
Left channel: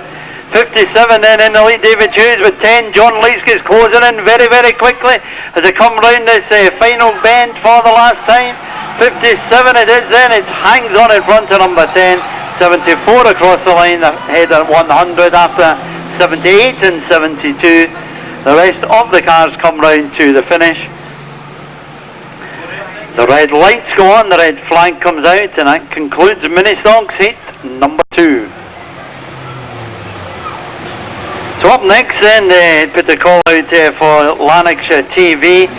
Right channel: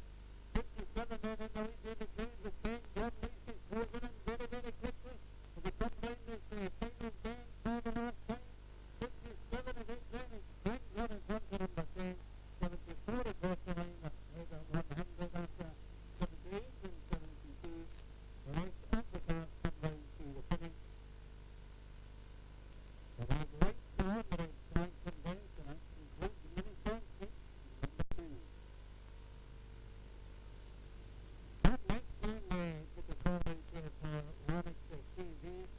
57 then in the lead, David Hughes with 10. John Leask closing in very, very quickly as they come round this final bend for the last time. 57 it is then, it hangs on in front of number 10. 74 across the line ahead at 100 after 78 and 72. The rest of the cars come round to the finish. The red lights go on, the red flag comes out, and that concludes mini stocks heat number 2. So up next then, they put a call out for Lanark's TV.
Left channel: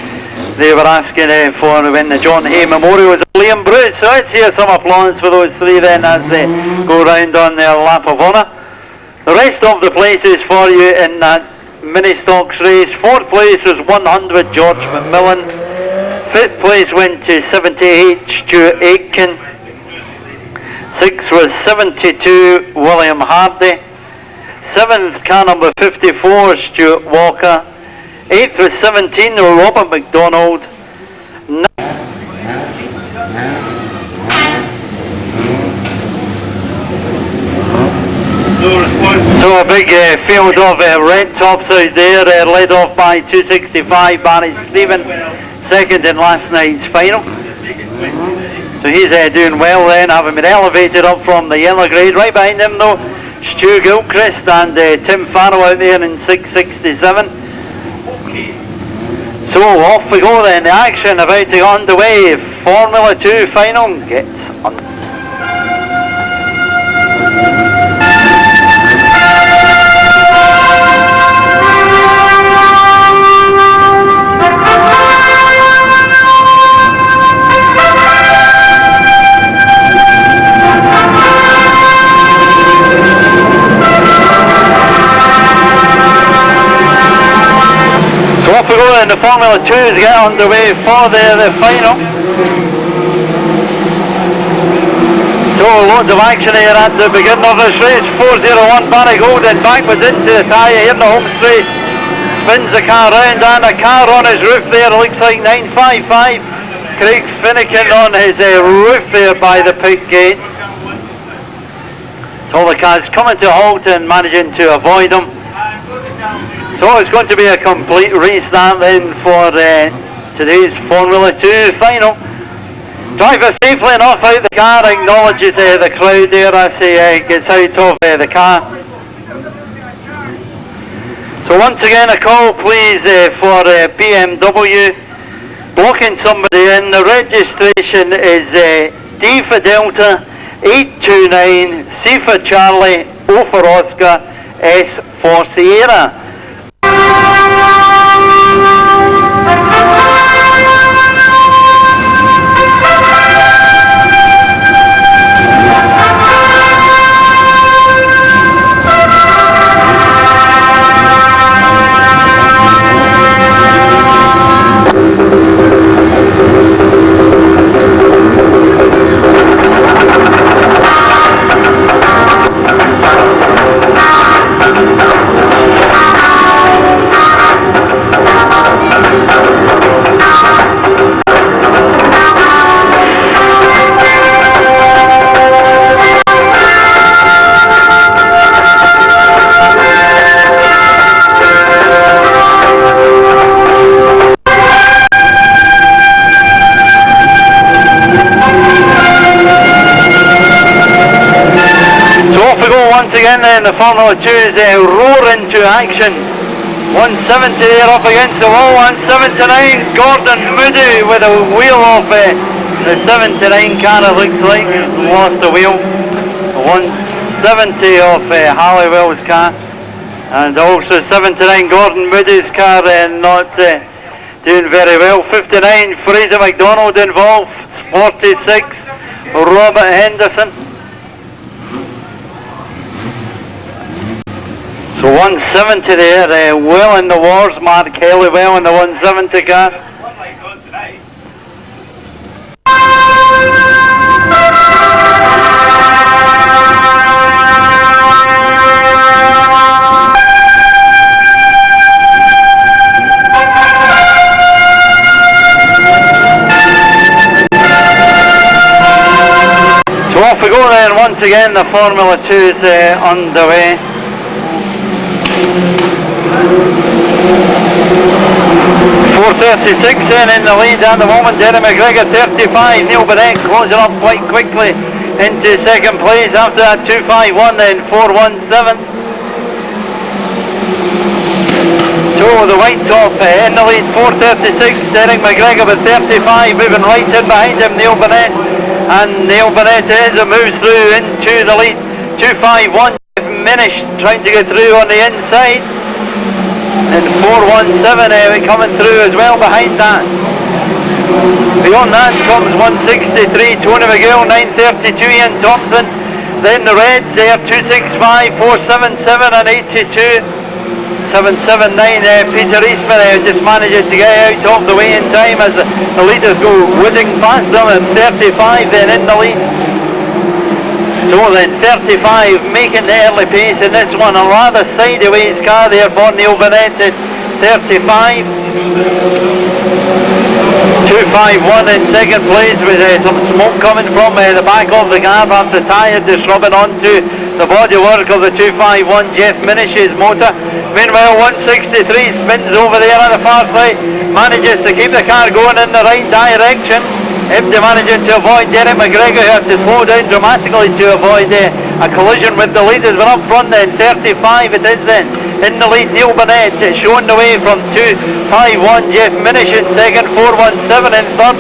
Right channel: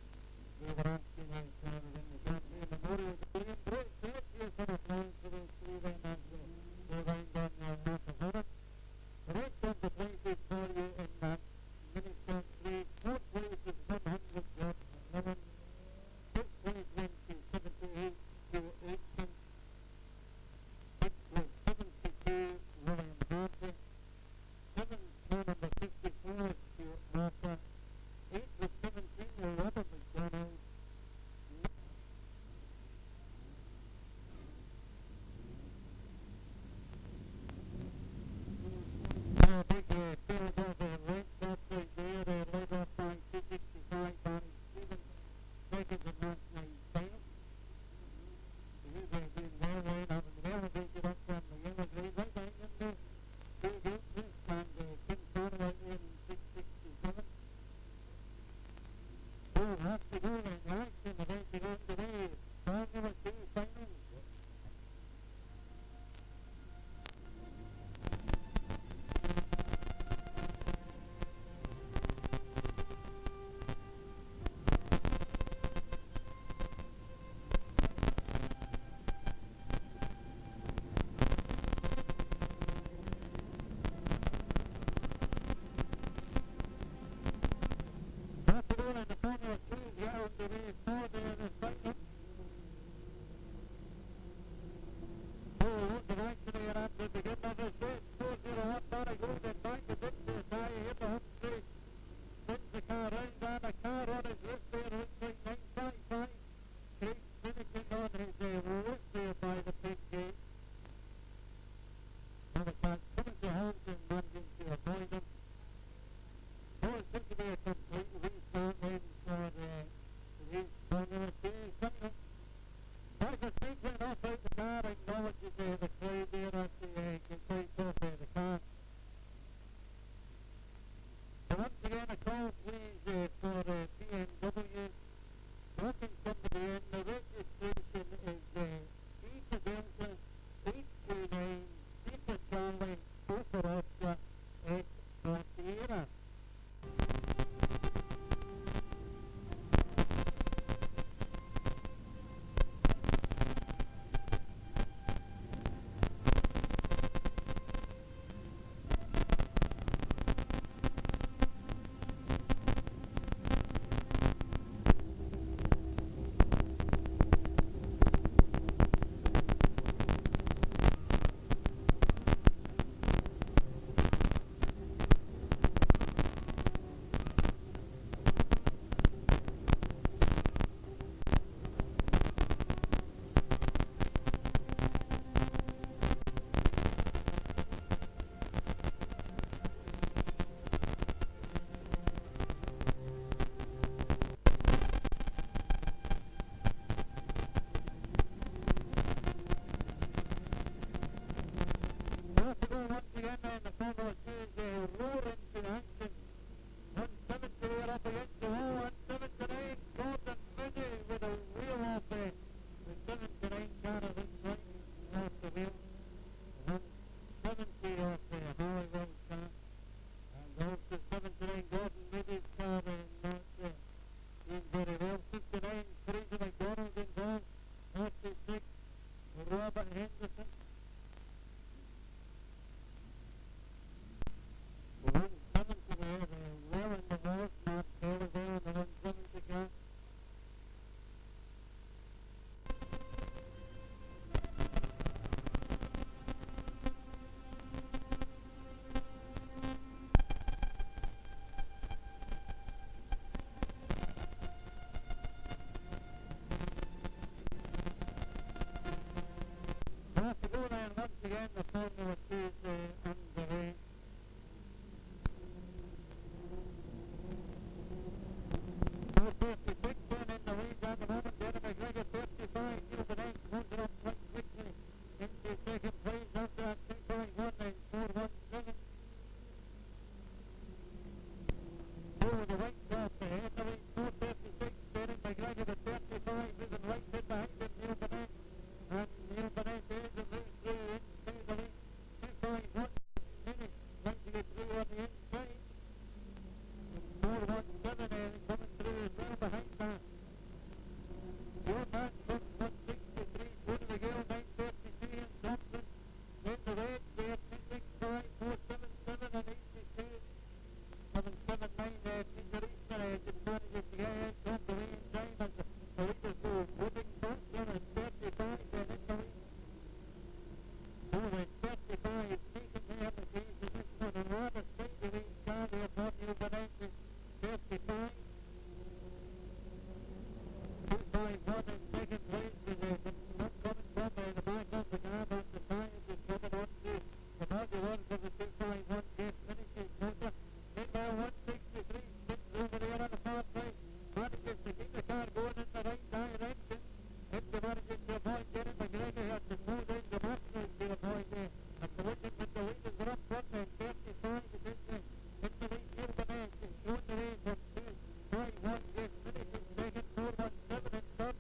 They were asking for when the John Hay Memorial was Liam Bruce. So let's hear some applause for those three then as they go round on their lap of honour. The rest of the places for you in that mini stocks race. 4th place was 100 George McMillan. 5th place went to 78 Stuart Aitken. 6th was 72 William Hardy. 7th car number 54 Stuart Walker. 8th was 17 Robert McDonald. So a big field of red tops out there, led off by 265 Barry Stephen, second in last night's final. So he's doing well then, having been elevated up from the yellow grade. Right behind him though, Stu Gilchrist and Tim Farrell out there in 667. So off we go then, the action about to get underway. Formula 2 final gets underway. Off we go and the Formula 2s get underway for the final. So loads of action here at the beginning of this race. 401 Barry Golden backwards into the tyre here in the home straight. Spins the car round and a car on his roof there, looks like 955. Craig Finnegan on his roof there by the pit gate. So the car's coming to a halt and managing to avoid them. So it's going to be a complete restart then for today's Formula 2 final. Driver safely enough out the car, acknowledges the crowd there as he gets out of the car. So once again a call please for BMW. Blocking somebody in, the registration is D for Delta, 829, C for Charlie, O for Oscar, S for Sierra. And the Formula 2s roar into action. 170 there up against the wall, 179. Gordon Moody with a wheel off the 79 car, it looks like, lost a wheel. 170 off Halliwell's car. And also 79 Gordon Moody's car not doing very well. 59 Fraser McDonald involved. 46 Robert Henderson. So 170 there, well in the wars, Mark Kelly well in the 170 car. then once again the Formula 2 is underway. .436 in the lead at the moment. Derry McGregor 35. Neil Burnett closing up quite quickly into second place. After that 251, then 417. So the white top in the lead, 436. Derek McGregor with 35, moving right in behind him, Neil Burnett. And Neil Burnett moves through into the lead. 251. Minish trying to get through on the inside. And 417 coming through as well behind that. Beyond that comes 163, Tony McGill, 932, Ian Thompson. Then the Reds there, 265, 477 and 82. 779, Peter Eastman just manages to get out of the way in time as the leaders go whizzing past them, and 35 then in the lead. So then 35 making the early pace in this one, a rather sideways car there for Neil Burnett at 35. 251 in second place with some smoke coming from the back of the car after the tyre just rubbing onto the bodywork of the 251 Jeff Minish's motor. Meanwhile 163 spins over there on the far side, manages to keep the car going in the right direction. Empty managing to avoid Derek McGregor, who had to slow down dramatically to avoid a collision with the leaders. But up front then, 35 it is then. In the lead, Neil Burnett showing the way from 251, Jeff Minish in second, 417 in third.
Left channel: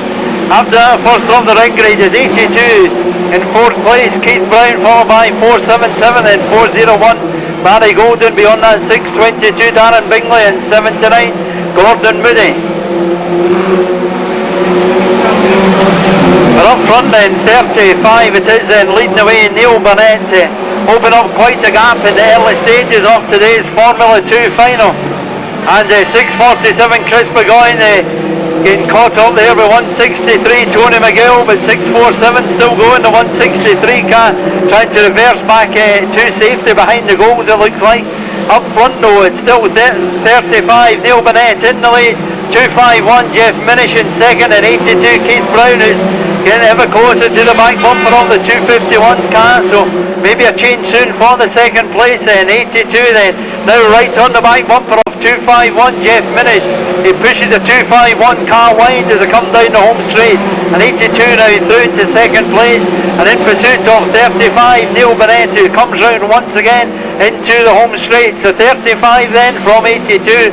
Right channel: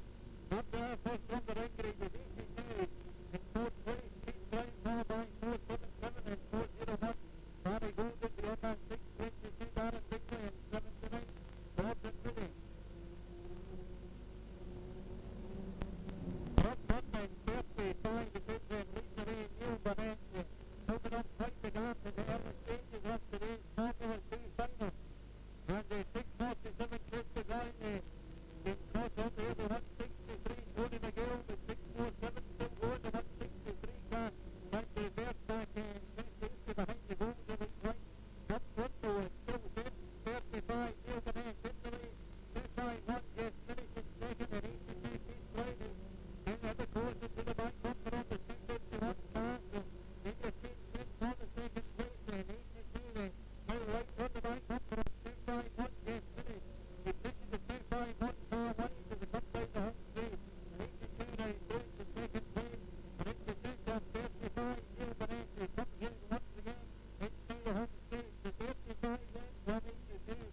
After that, first of the ring grade is 82. In fourth place, Keith Brown, followed by 477 and 401. Barry Golden, beyond that 622, Darren Bingley and 79, Gordon Moody. But up front then, 35 it is then, leading away Neil Burnett to open up quite a gap in the early stages of today's Formula 2 final. And 647 Chris Burgoyne getting caught up there with 163 Tony McGill, but 647 still going, the 163 car trying to reverse back to safety behind the goals it looks like. Up front though, it's still 35 Neil Burnett in the lead, 251 Jeff Minish in second, and 82 Keith Brown who's getting ever closer to the back bumper of the 251 car, so maybe a change soon for the second place then. 82 then, now right on the back bumper of 251 Jeff Minish. He pushes the 251 car wide as they come down the home straight, and 82 now through to second place, and in pursuit of 35 Neil Burnett, who comes round once again into the home straight. So 35 then from 82.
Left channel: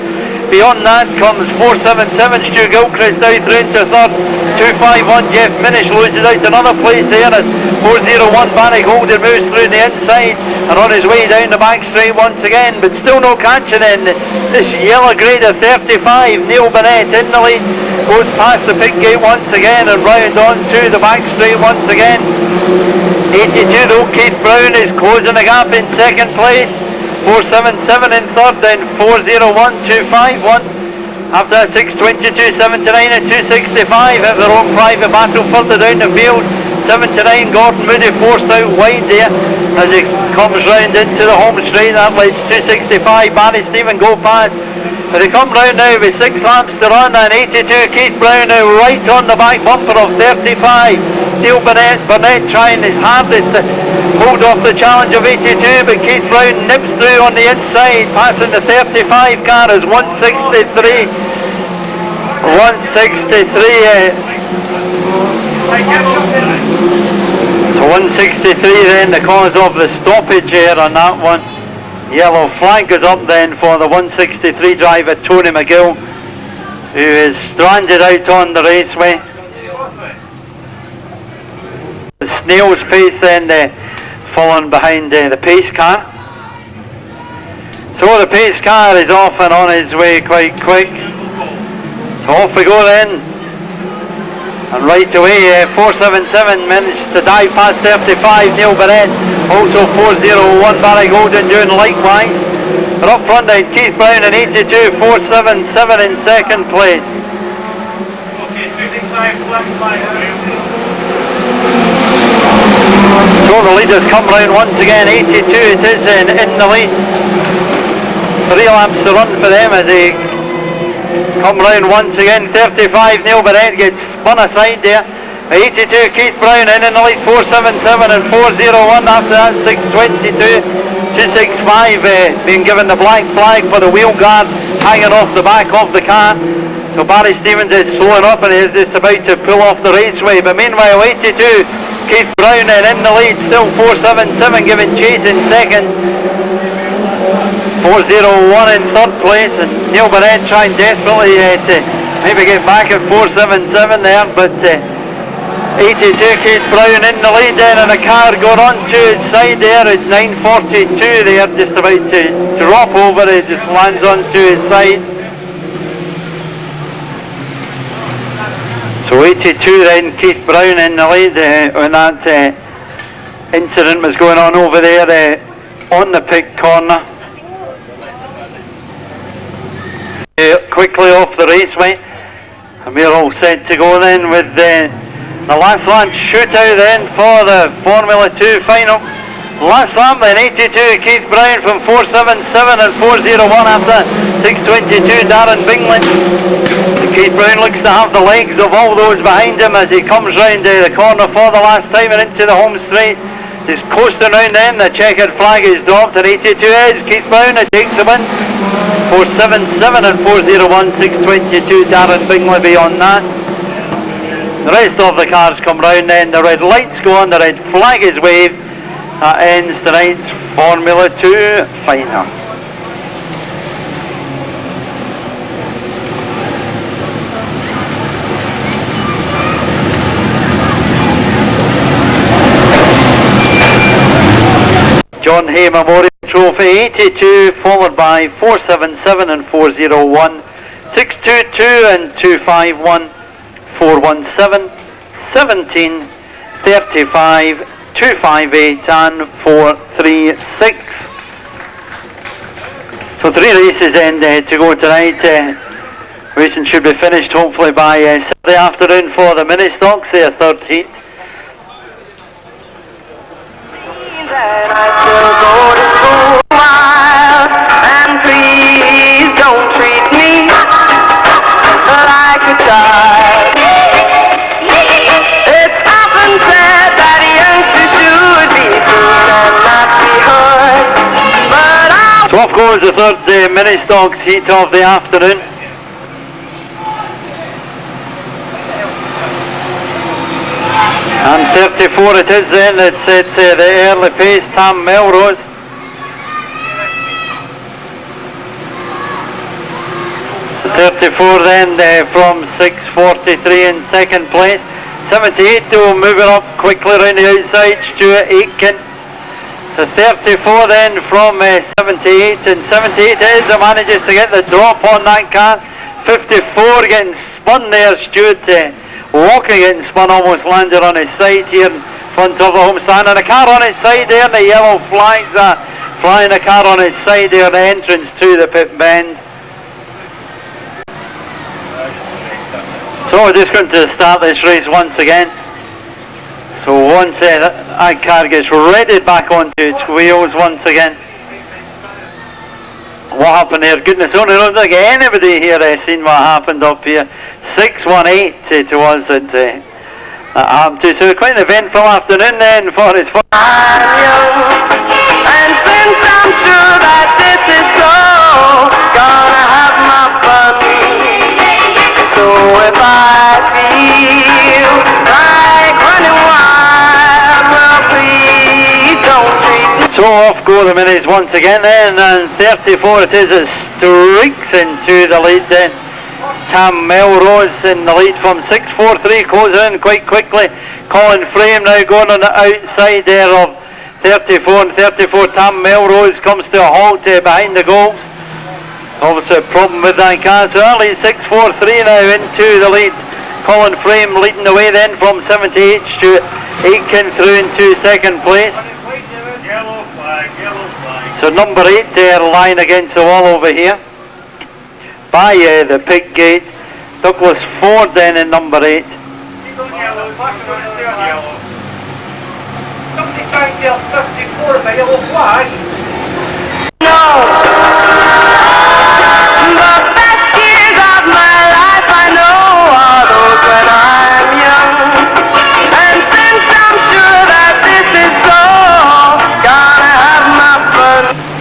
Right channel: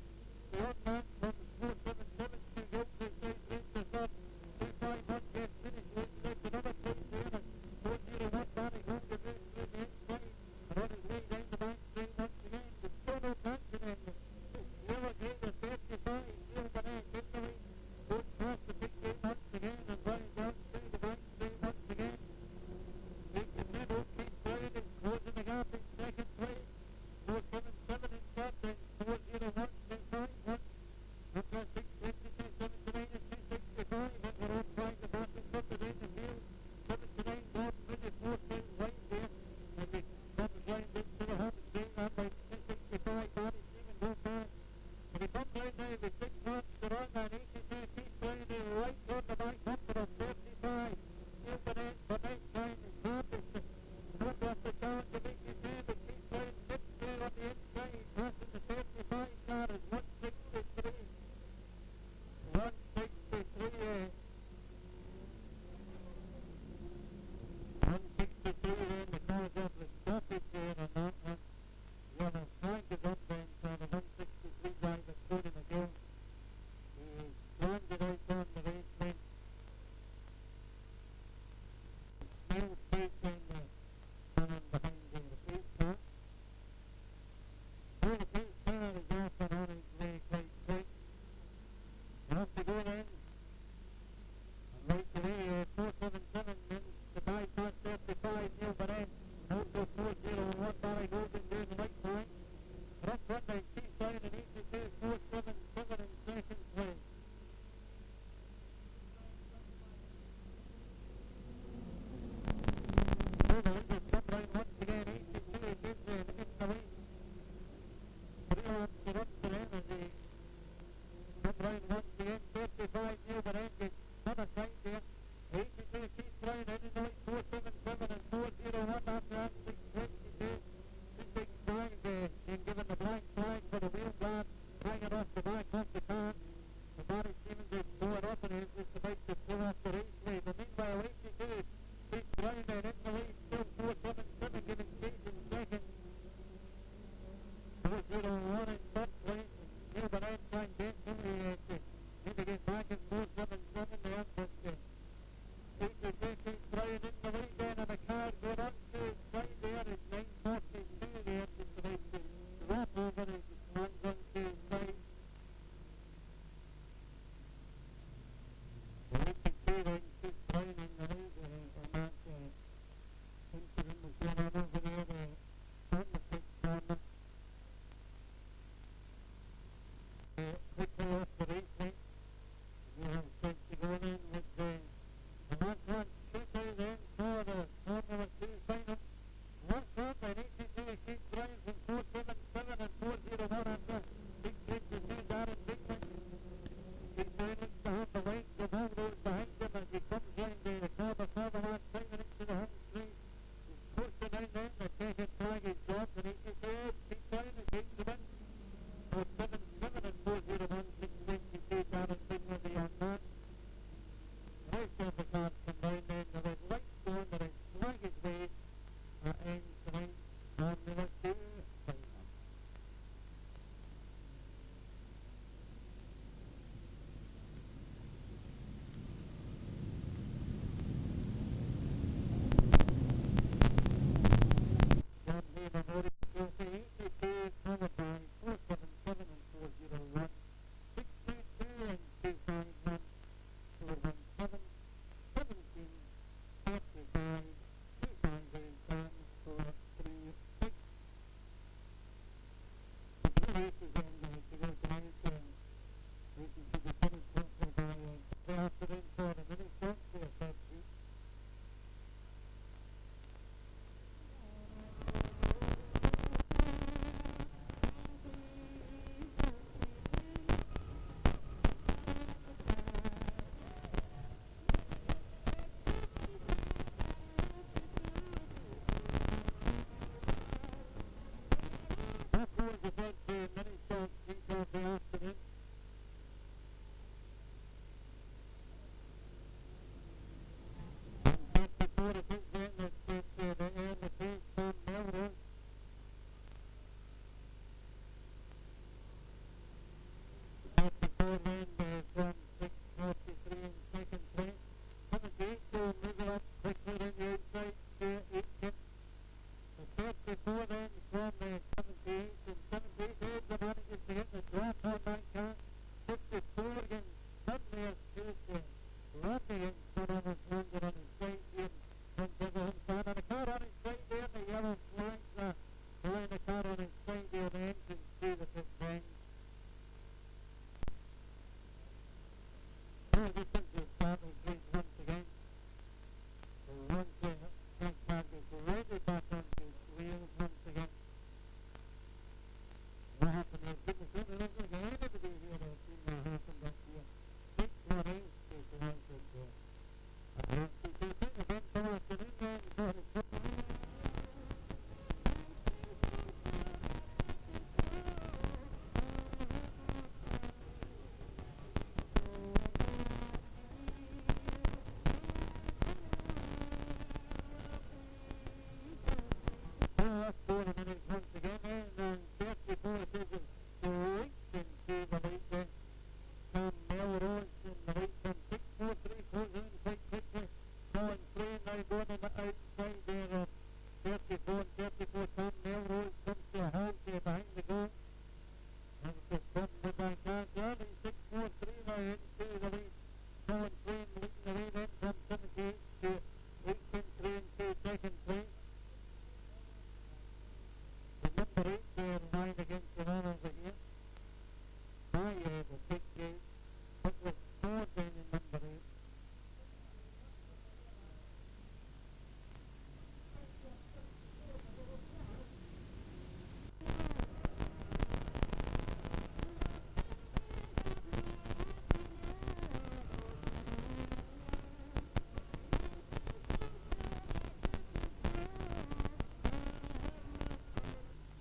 Beyond that comes 477 Stu Gilchrist now through into third. 251 Jeff Minish loses out another place there as 401 Barry Golden moves through the inside and on his way down the back straight once again, but still no catching in this yellow grade of 35. Neil Burnett in the lead, goes past the pit gate once again and round on to the back straight once again. 82 though, Keith Brown is closing the gap in second place. 477 in third, then 401, 251. After that 622, 79 and 265 have their own private battle further down the field. 79 Gordon Moody forced out wide there as he comes round into the home straight. That lets 265 Barry Stephen go past. But they come round now with 6 laps to run, and 82 Keith Brown now right on the back bumper of 35. Neil Burnett trying his hardest to hold off the challenge of 82, but Keith Brown nips through on the inside, passing the 35 car as 163. 163. So 163 then, the cause of the stoppage here on that one. Yellow flag is up then for the 163 driver Tony McGill, who is stranded out on the raceway. The snail's pace then falling behind the pace car. So the pace car is off and on his way quite quick. So off we go then. And right away 477 managed to dive past 35 Neil Burnett. Also 401 Barry Golden doing likewise. But up front then Keith Brown in 82, 477 in second place. So the leaders come round once again, 82 it is in the lead. 3 laps to run for them as they come round once again. 35 Neil Burnett gets spun aside there 82 Keith Brown in the lead, 477 and 401. After that, 622, 265 being given the black flag for the wheel guard hanging off the back of the car. So Barry Stevens is slowing up and is just about to pull off the raceway. But meanwhile, 82 Keith Brown in the lead, still 477 giving chase in second. 401 in third place, and Neil Barrett trying desperately to maybe get back at 477 there, but 82 Keith Brown in the lead then, and a car going on to its side there. It's 942 there, just about to drop over. It just lands onto its side. So 82 then, Keith Brown in the lead when that incident was going on over there on the pit corner. Quickly off the raceway, and we're all set to go then with the last lap shootout then for the Formula 2 final. Last lap then, 82 Keith Brown from 477 and 401 after 622 Darren Bingley. Keith Brown looks to have the legs of all those behind him as he comes round the corner for the last time and into the home straight. Just coasting round them, the checkered flag is dropped, and 82 is Keith Brown who takes the win. 477 and 401, 622 Darren Bingley beyond that. The rest of the cars come round then, the red lights go on, the red flag is waved. That ends tonight's Formula 2 final. John Hay Memorial Trophy, 82 followed by 477 and 401, 622 and 251, 417, 17, 35, 258 and 436. So 3 races end to go tonight. Racing should be finished hopefully by Saturday afternoon for the mini stocks, their third heat. That I still go to school wild, and please don't treat me like a child. It's often said that youngsters should be seen and not be heard, but I... So off goes the third mini stocks heat of the afternoon. And 34 it is then, it's the early pace, Tam Melrose. So 34 then from 6:43 in second place. 78 though moving up quickly around the outside, Stuart Aitken. So 34 then from 78, and 78 is who manages to get the drop on that car. 54 getting spun there, Stuart walking getting spun, almost landed on his side here in front of the homestand, and a car on his side there, and the yellow flags are flying, a car on his side there, the entrance to the pit bend. So we're just going to start this race once again. So once that car gets readied back onto its wheels once again. What happened here? Goodness only knows. Like anybody here seen what happened up here. 618 to us that happened to. So quite an eventful afternoon then for his first. I'm young, and since I'm sure that this is so, gonna have my fun. So if I feel like running wild, well please don't treat me. So off go the minis once again then, and 34 it is, it streaks into the lead then. Tam Melrose in the lead from 6:43, closing in quite quickly. Colin Frame now going on the outside there of 34, and 34 Tam Melrose comes to a halt behind the goals. Obviously a problem with that car, so early 6:43 now into the lead. Colin Frame leading the way then from 78, Stuart Aitken through into second place. Yellow flag, yellow flag. So number 8 there lying against the wall over here by the pit gate. Douglas Ford then in number 8. Yellow, yellow. Somebody trying to get 54 with a yellow flag. No, the best years of my life I know are those when I'm young.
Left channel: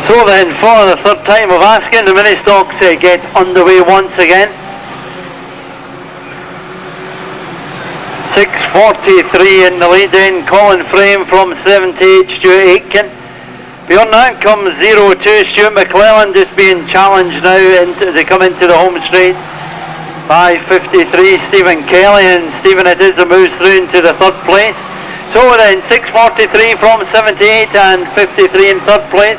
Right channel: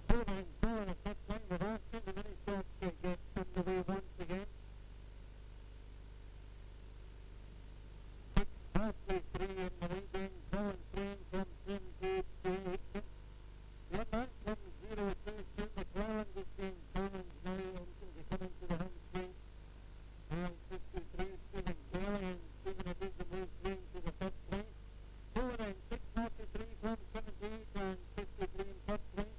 So then, for the third time of asking, the mini stocks get underway once again. 6:43 in the lead in, Colin Frame from 78, Stuart Aitken. Beyond that comes 02, Stuart McClellan, just being challenged now as they come into the home straight. 5:53, Stephen Kelly, and Stephen it is that moves through into the third place. So then, 6:43 from 78 and 53 in third place.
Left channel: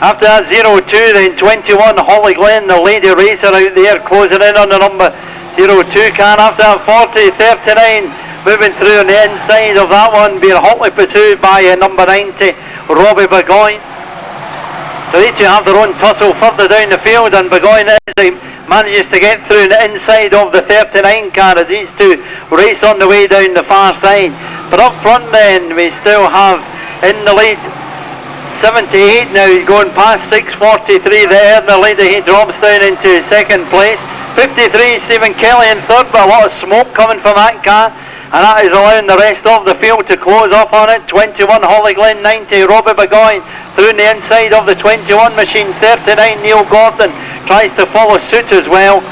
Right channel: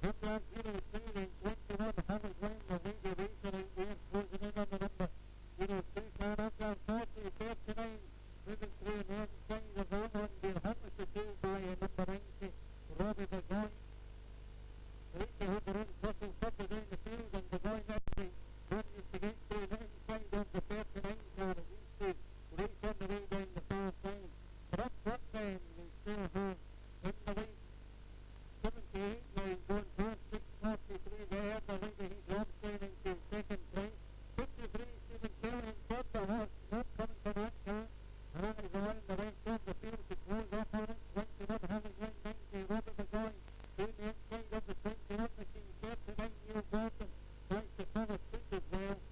After that 02, then 21, Holly Glen, the lady racer out there, closing in on the number 02 car. After that 40, 39, moving through on the inside of that one, being hotly pursued by number 90, Robbie Burgoyne. So each have their own tussle further down the field, and Burgoyne manages to get through the inside of the 39 car as these two race on the way down the far side. But up front then, we still have in the lead 78 now, going past 6:43 there, the leader, he drops down into second place. 53, Stephen Kelly in third, but a lot of smoke coming from that car, and that is allowing the rest of the field to close up on it. 21, Holly Glen, 90, Robbie Burgoyne through the inside of the 21 machine. 39, Neil Gordon tries to follow suit as well.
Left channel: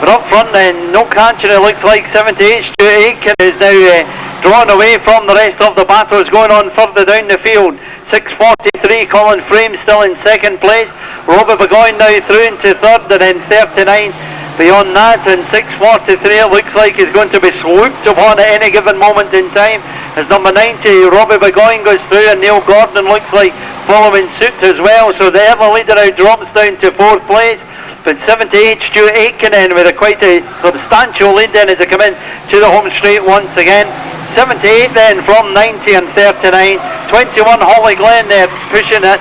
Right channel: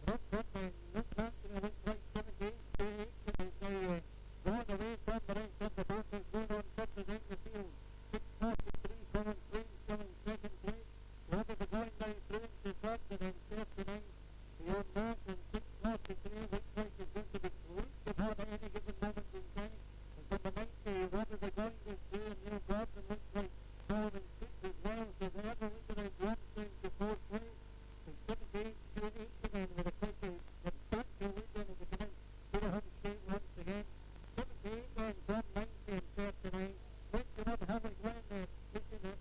But up front then, no catching, it looks like 78, Stuart Aitken is now drawn away from the rest of the battles going on further down the field. 6:43, Colin Frame still in second place. Robbie Burgoyne now through into third, and then 39 beyond that, and 6:43 it looks like is going to be swooped upon at any given moment in time as number 90, Robbie Burgoyne, goes through, and Neil Gordon looks like following suit as well. So the ever leader now drops down to fourth place. But 78, Stuart Aitken in with a quite a substantial lead then as they come in to the home straight once again. 78 then from 90 and 39. 21, Holly Glen there pushing at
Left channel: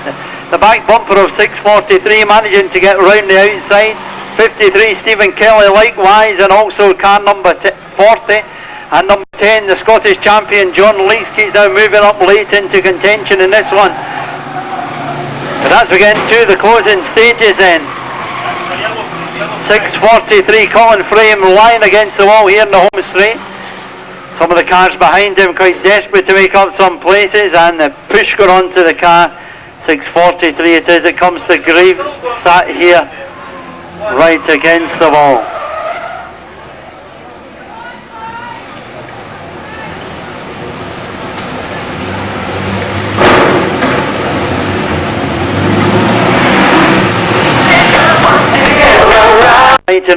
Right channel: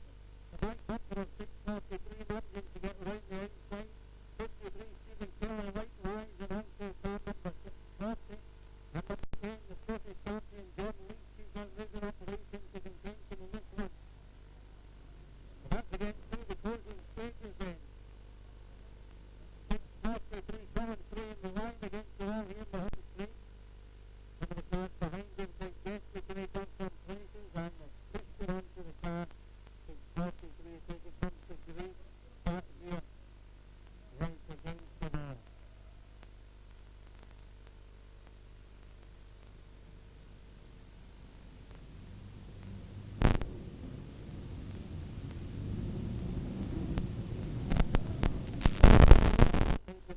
the back bumper of 6:43, managing to get round the outside. 53, Stephen Kelly likewise, and also car number 40. And number 10, the Scottish champion John Leask, he's now moving up late into contention in this one. But as we get into the closing stages then, 6:43, Colin Frame lying against the wall here in the home straight. Some of the cars behind him quite desperate to make up some places, and the push got onto the car. 6:43 it is, it comes to Grieve, sat here right against the wall.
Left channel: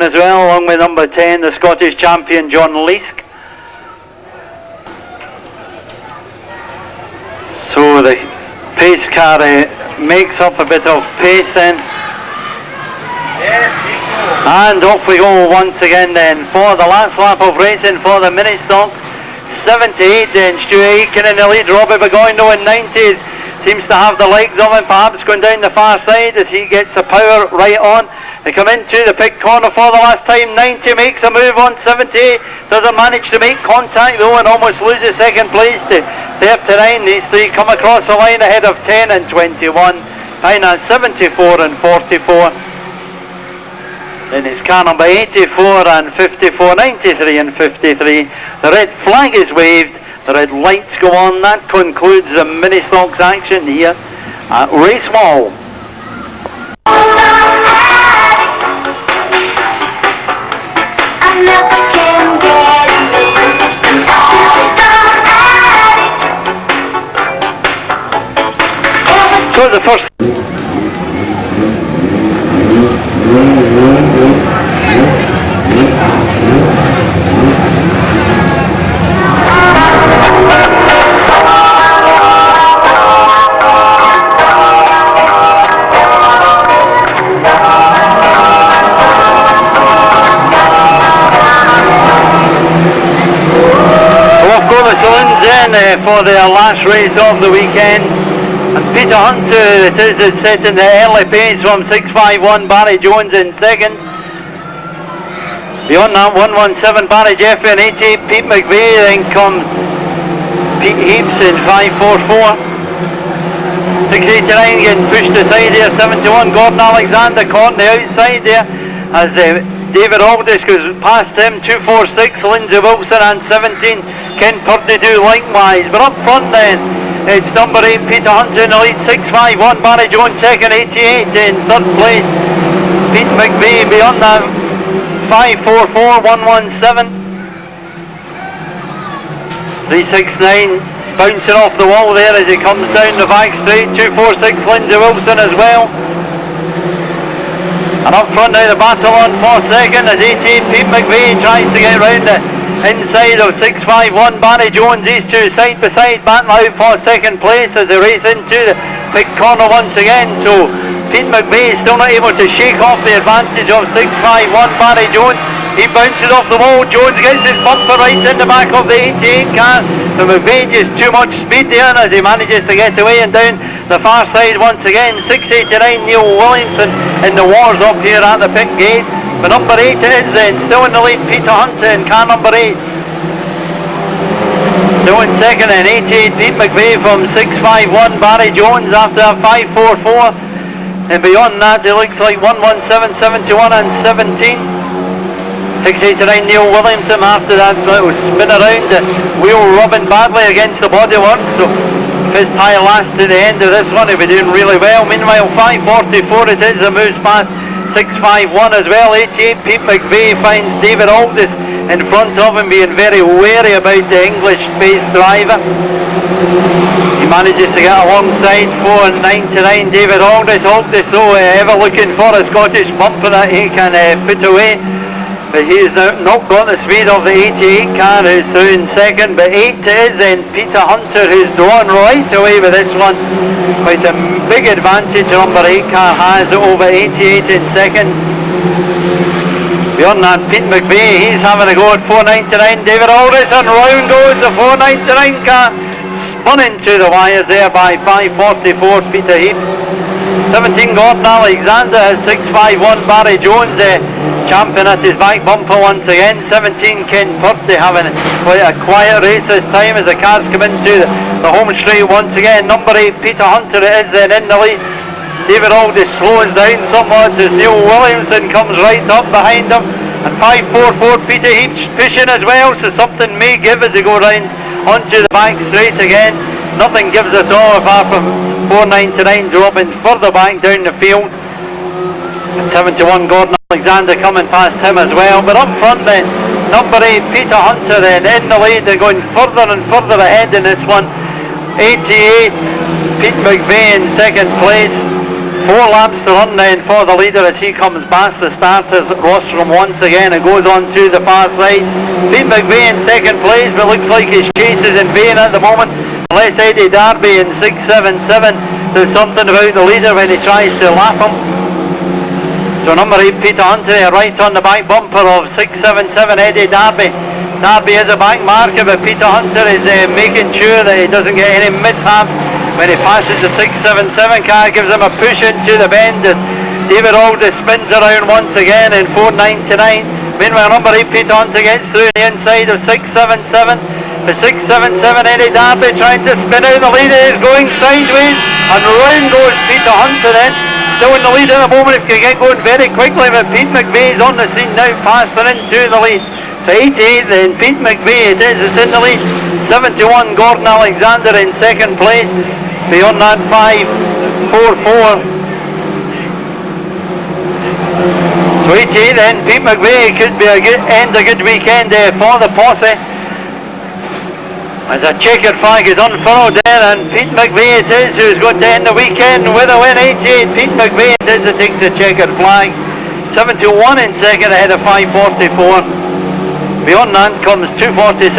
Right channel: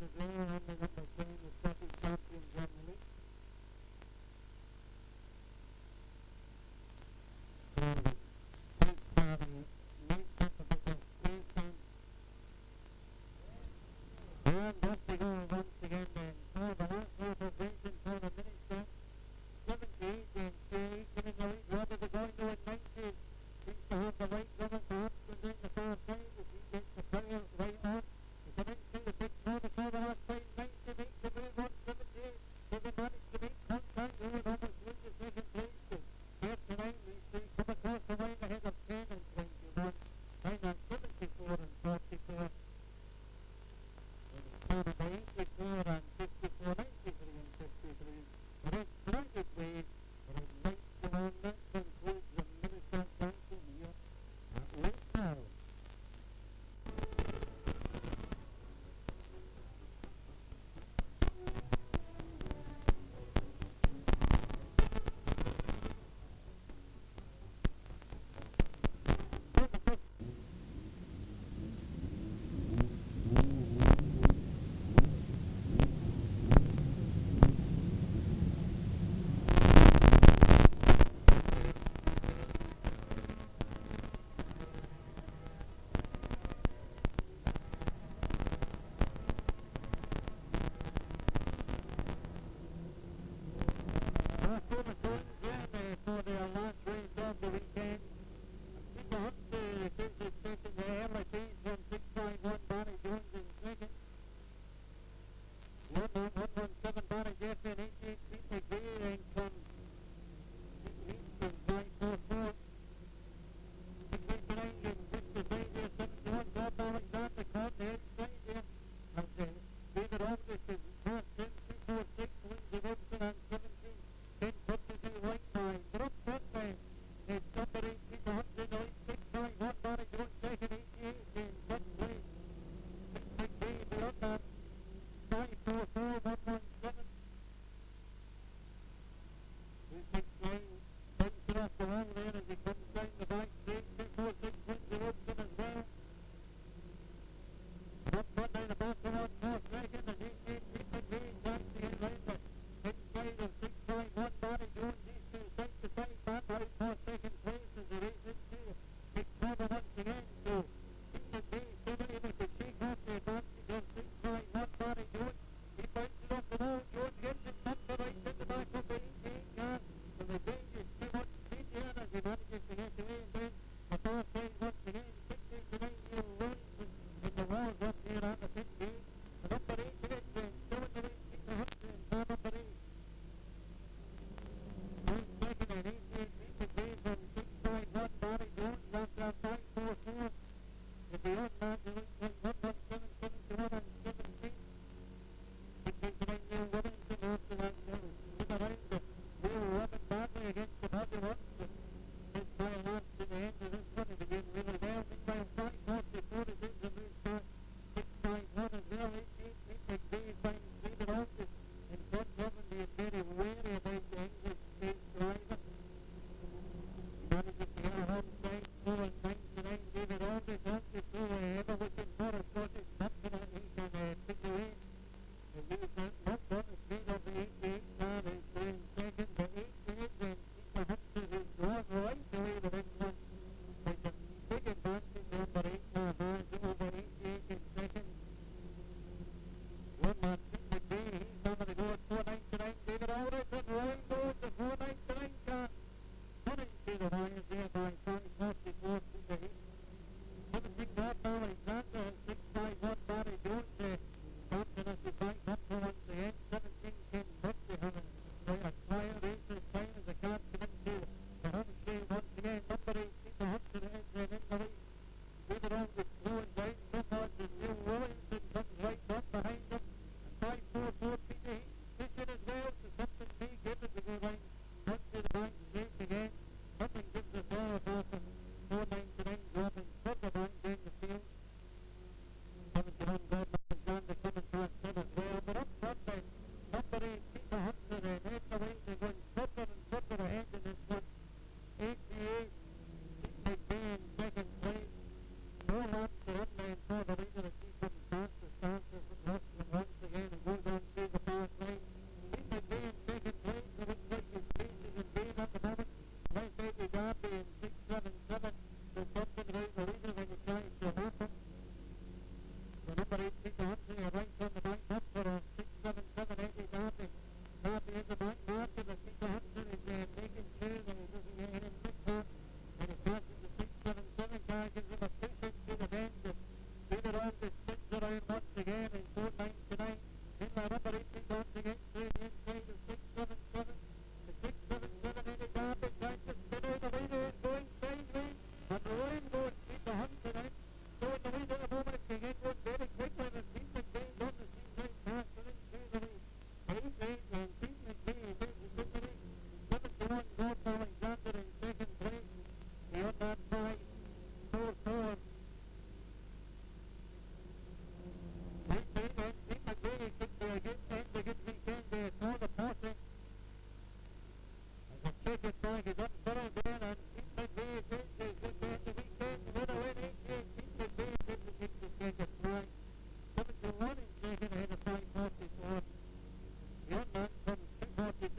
As well, along with number 10, the Scottish champion John Leask. So the pace car makes up a bit of pace then. And off we go once again then for the last lap of racing for the mini stocks. 78 then, Stuart Aitken in the lead. Robbie Burgoyne though in 90s seems to have the legs of him, perhaps going down the far side as he gets the power right on. They come into the pit corner for the last time. 90 makes a move on 70, doesn't manage to make contact though, and almost loses second place to 39. These three come across the line ahead of 10 and 21. Behind that 74 and 44. Then it's car number 84 and 54, 93 and 53. The red flag is waved, the red lights go on. That concludes the mini stocks action here at Racewall. So the first. For their last race of the weekend, and Peter Hunter it is that's setting the early pace from 6:51, Barry Jones in second. Beyond that 117, Barry Jeffrey in 88, Pete McVeigh, then comes Pete Heaps in 5:44. 6:89 getting pushed aside here. 71, Gordon Alexander caught on the outside there as David Aldis goes past him. 2:46, Lindsay Wilson, and 17, Ken Purdy do likewise. But up front then, It's number 8, Peter Hunter in the lead, 651. Barry Jones second, 88 in third place. Pete McVeigh beyond that, 544-117. 369 bouncing off the wall there as he comes down the back straight. 246 Lindsay Wilson as well. And up front now the battle on for second as 18 Pete McVeigh tries to get round the inside of 651 Barry Jones. These two side by side battle out for second place as they race into the big corner once again. So Pete McVeigh is still not able to shake off the advantage of 651 Barry Jones. He bounces off the wall. Jones gets his bumper right in the back of the 88 car. The McVeigh just too much speed there as he manages to get away and down the far side once again. 689 Neil Williamson in the wars up here at the pit gate. But number 8 it is then, still in the lead, Peter Hunter in car number 8. Still in second and 88 Pete McVeigh from 651 Barry Jones after 544. And beyond that it looks like 117, 71 and 17. 689 Neil Williamson after that little spin around, the wheel rubbing badly against the bodywork, so if his tyre lasts to the end of this one he'll be doing really well. Meanwhile 544 it is, and moves past 651 as well. 88 Pete McVeigh finds David Aldis in front of him, being very wary about the English-based driver. He manages to get alongside 499 David Aldis. Aldis so ever looking for a Scottish bumper that he can put away. But he's now not got the speed of the 88 car, who's through in second. But 8 is then Peter Hunter, who's drawn right away with this one. Quite a big advantage number 8 car has over 88 in second. Beyond that, Pete McVeigh, he's having a go at 499. David Aldis, and round goes the 499 car. Spun into the wires there by 544 Peter Heaps. 17 Gordon Alexander has 651 Barry Jones champion at his back bumper once again. 17 Ken Purdy having quite a quiet race this time as the cars come into the home straight once again. Number 8 Peter Hunter it is then in the lead. David Aldis slows down somewhat as Neil Williamson comes right up behind him, and 544 Peter Heaps pushing as well, so something may give as they go round onto the back straight again. Nothing gives at all apart from 499 dropping further back down the field. And 71 Gordon Alexander coming past him as well. But up front then, number 8 Peter Hunter then in the lead. They're going further and further ahead in this one. 88 Pete McVeigh in second place. 4 laps to run then for the leader as he comes past the starters rostrum once again and goes on to the far side. Pete McVeigh in second place, but looks like his chase is in vain at the moment. Unless Eddie Darby in 677 does something about the leader when he tries to lap him. So number 8 Peter Hunter right on the back bumper of 677 Eddie Darby. Darby is a back marker, but Peter Hunter is making sure that he doesn't get any mishaps when he passes the 677 car. Gives him a push into the bend as David Aldis spins around once again in 499. Meanwhile number 8 Peter Hunter gets through the inside of 677. The 677 Eddie Darby trying to spin out. The leader is going sideways and round goes Peter Hunter then. Still in the lead at the moment, if you get going very quickly, but Pete McVeigh is on the scene now, faster into the lead. So 88 then, Pete McVeigh it is, it's in the lead. 71 Gordon Alexander in second place. Beyond that 544. So 88 then, Pete McVeigh could be a good weekend for the posse. As a checkered flag is unfurled there, and Pete McVeigh it is who's going to end the weekend with a win. 88 Pete McVeigh it is that takes the checkered flag. 71 in second ahead of 544. Beyond that comes 246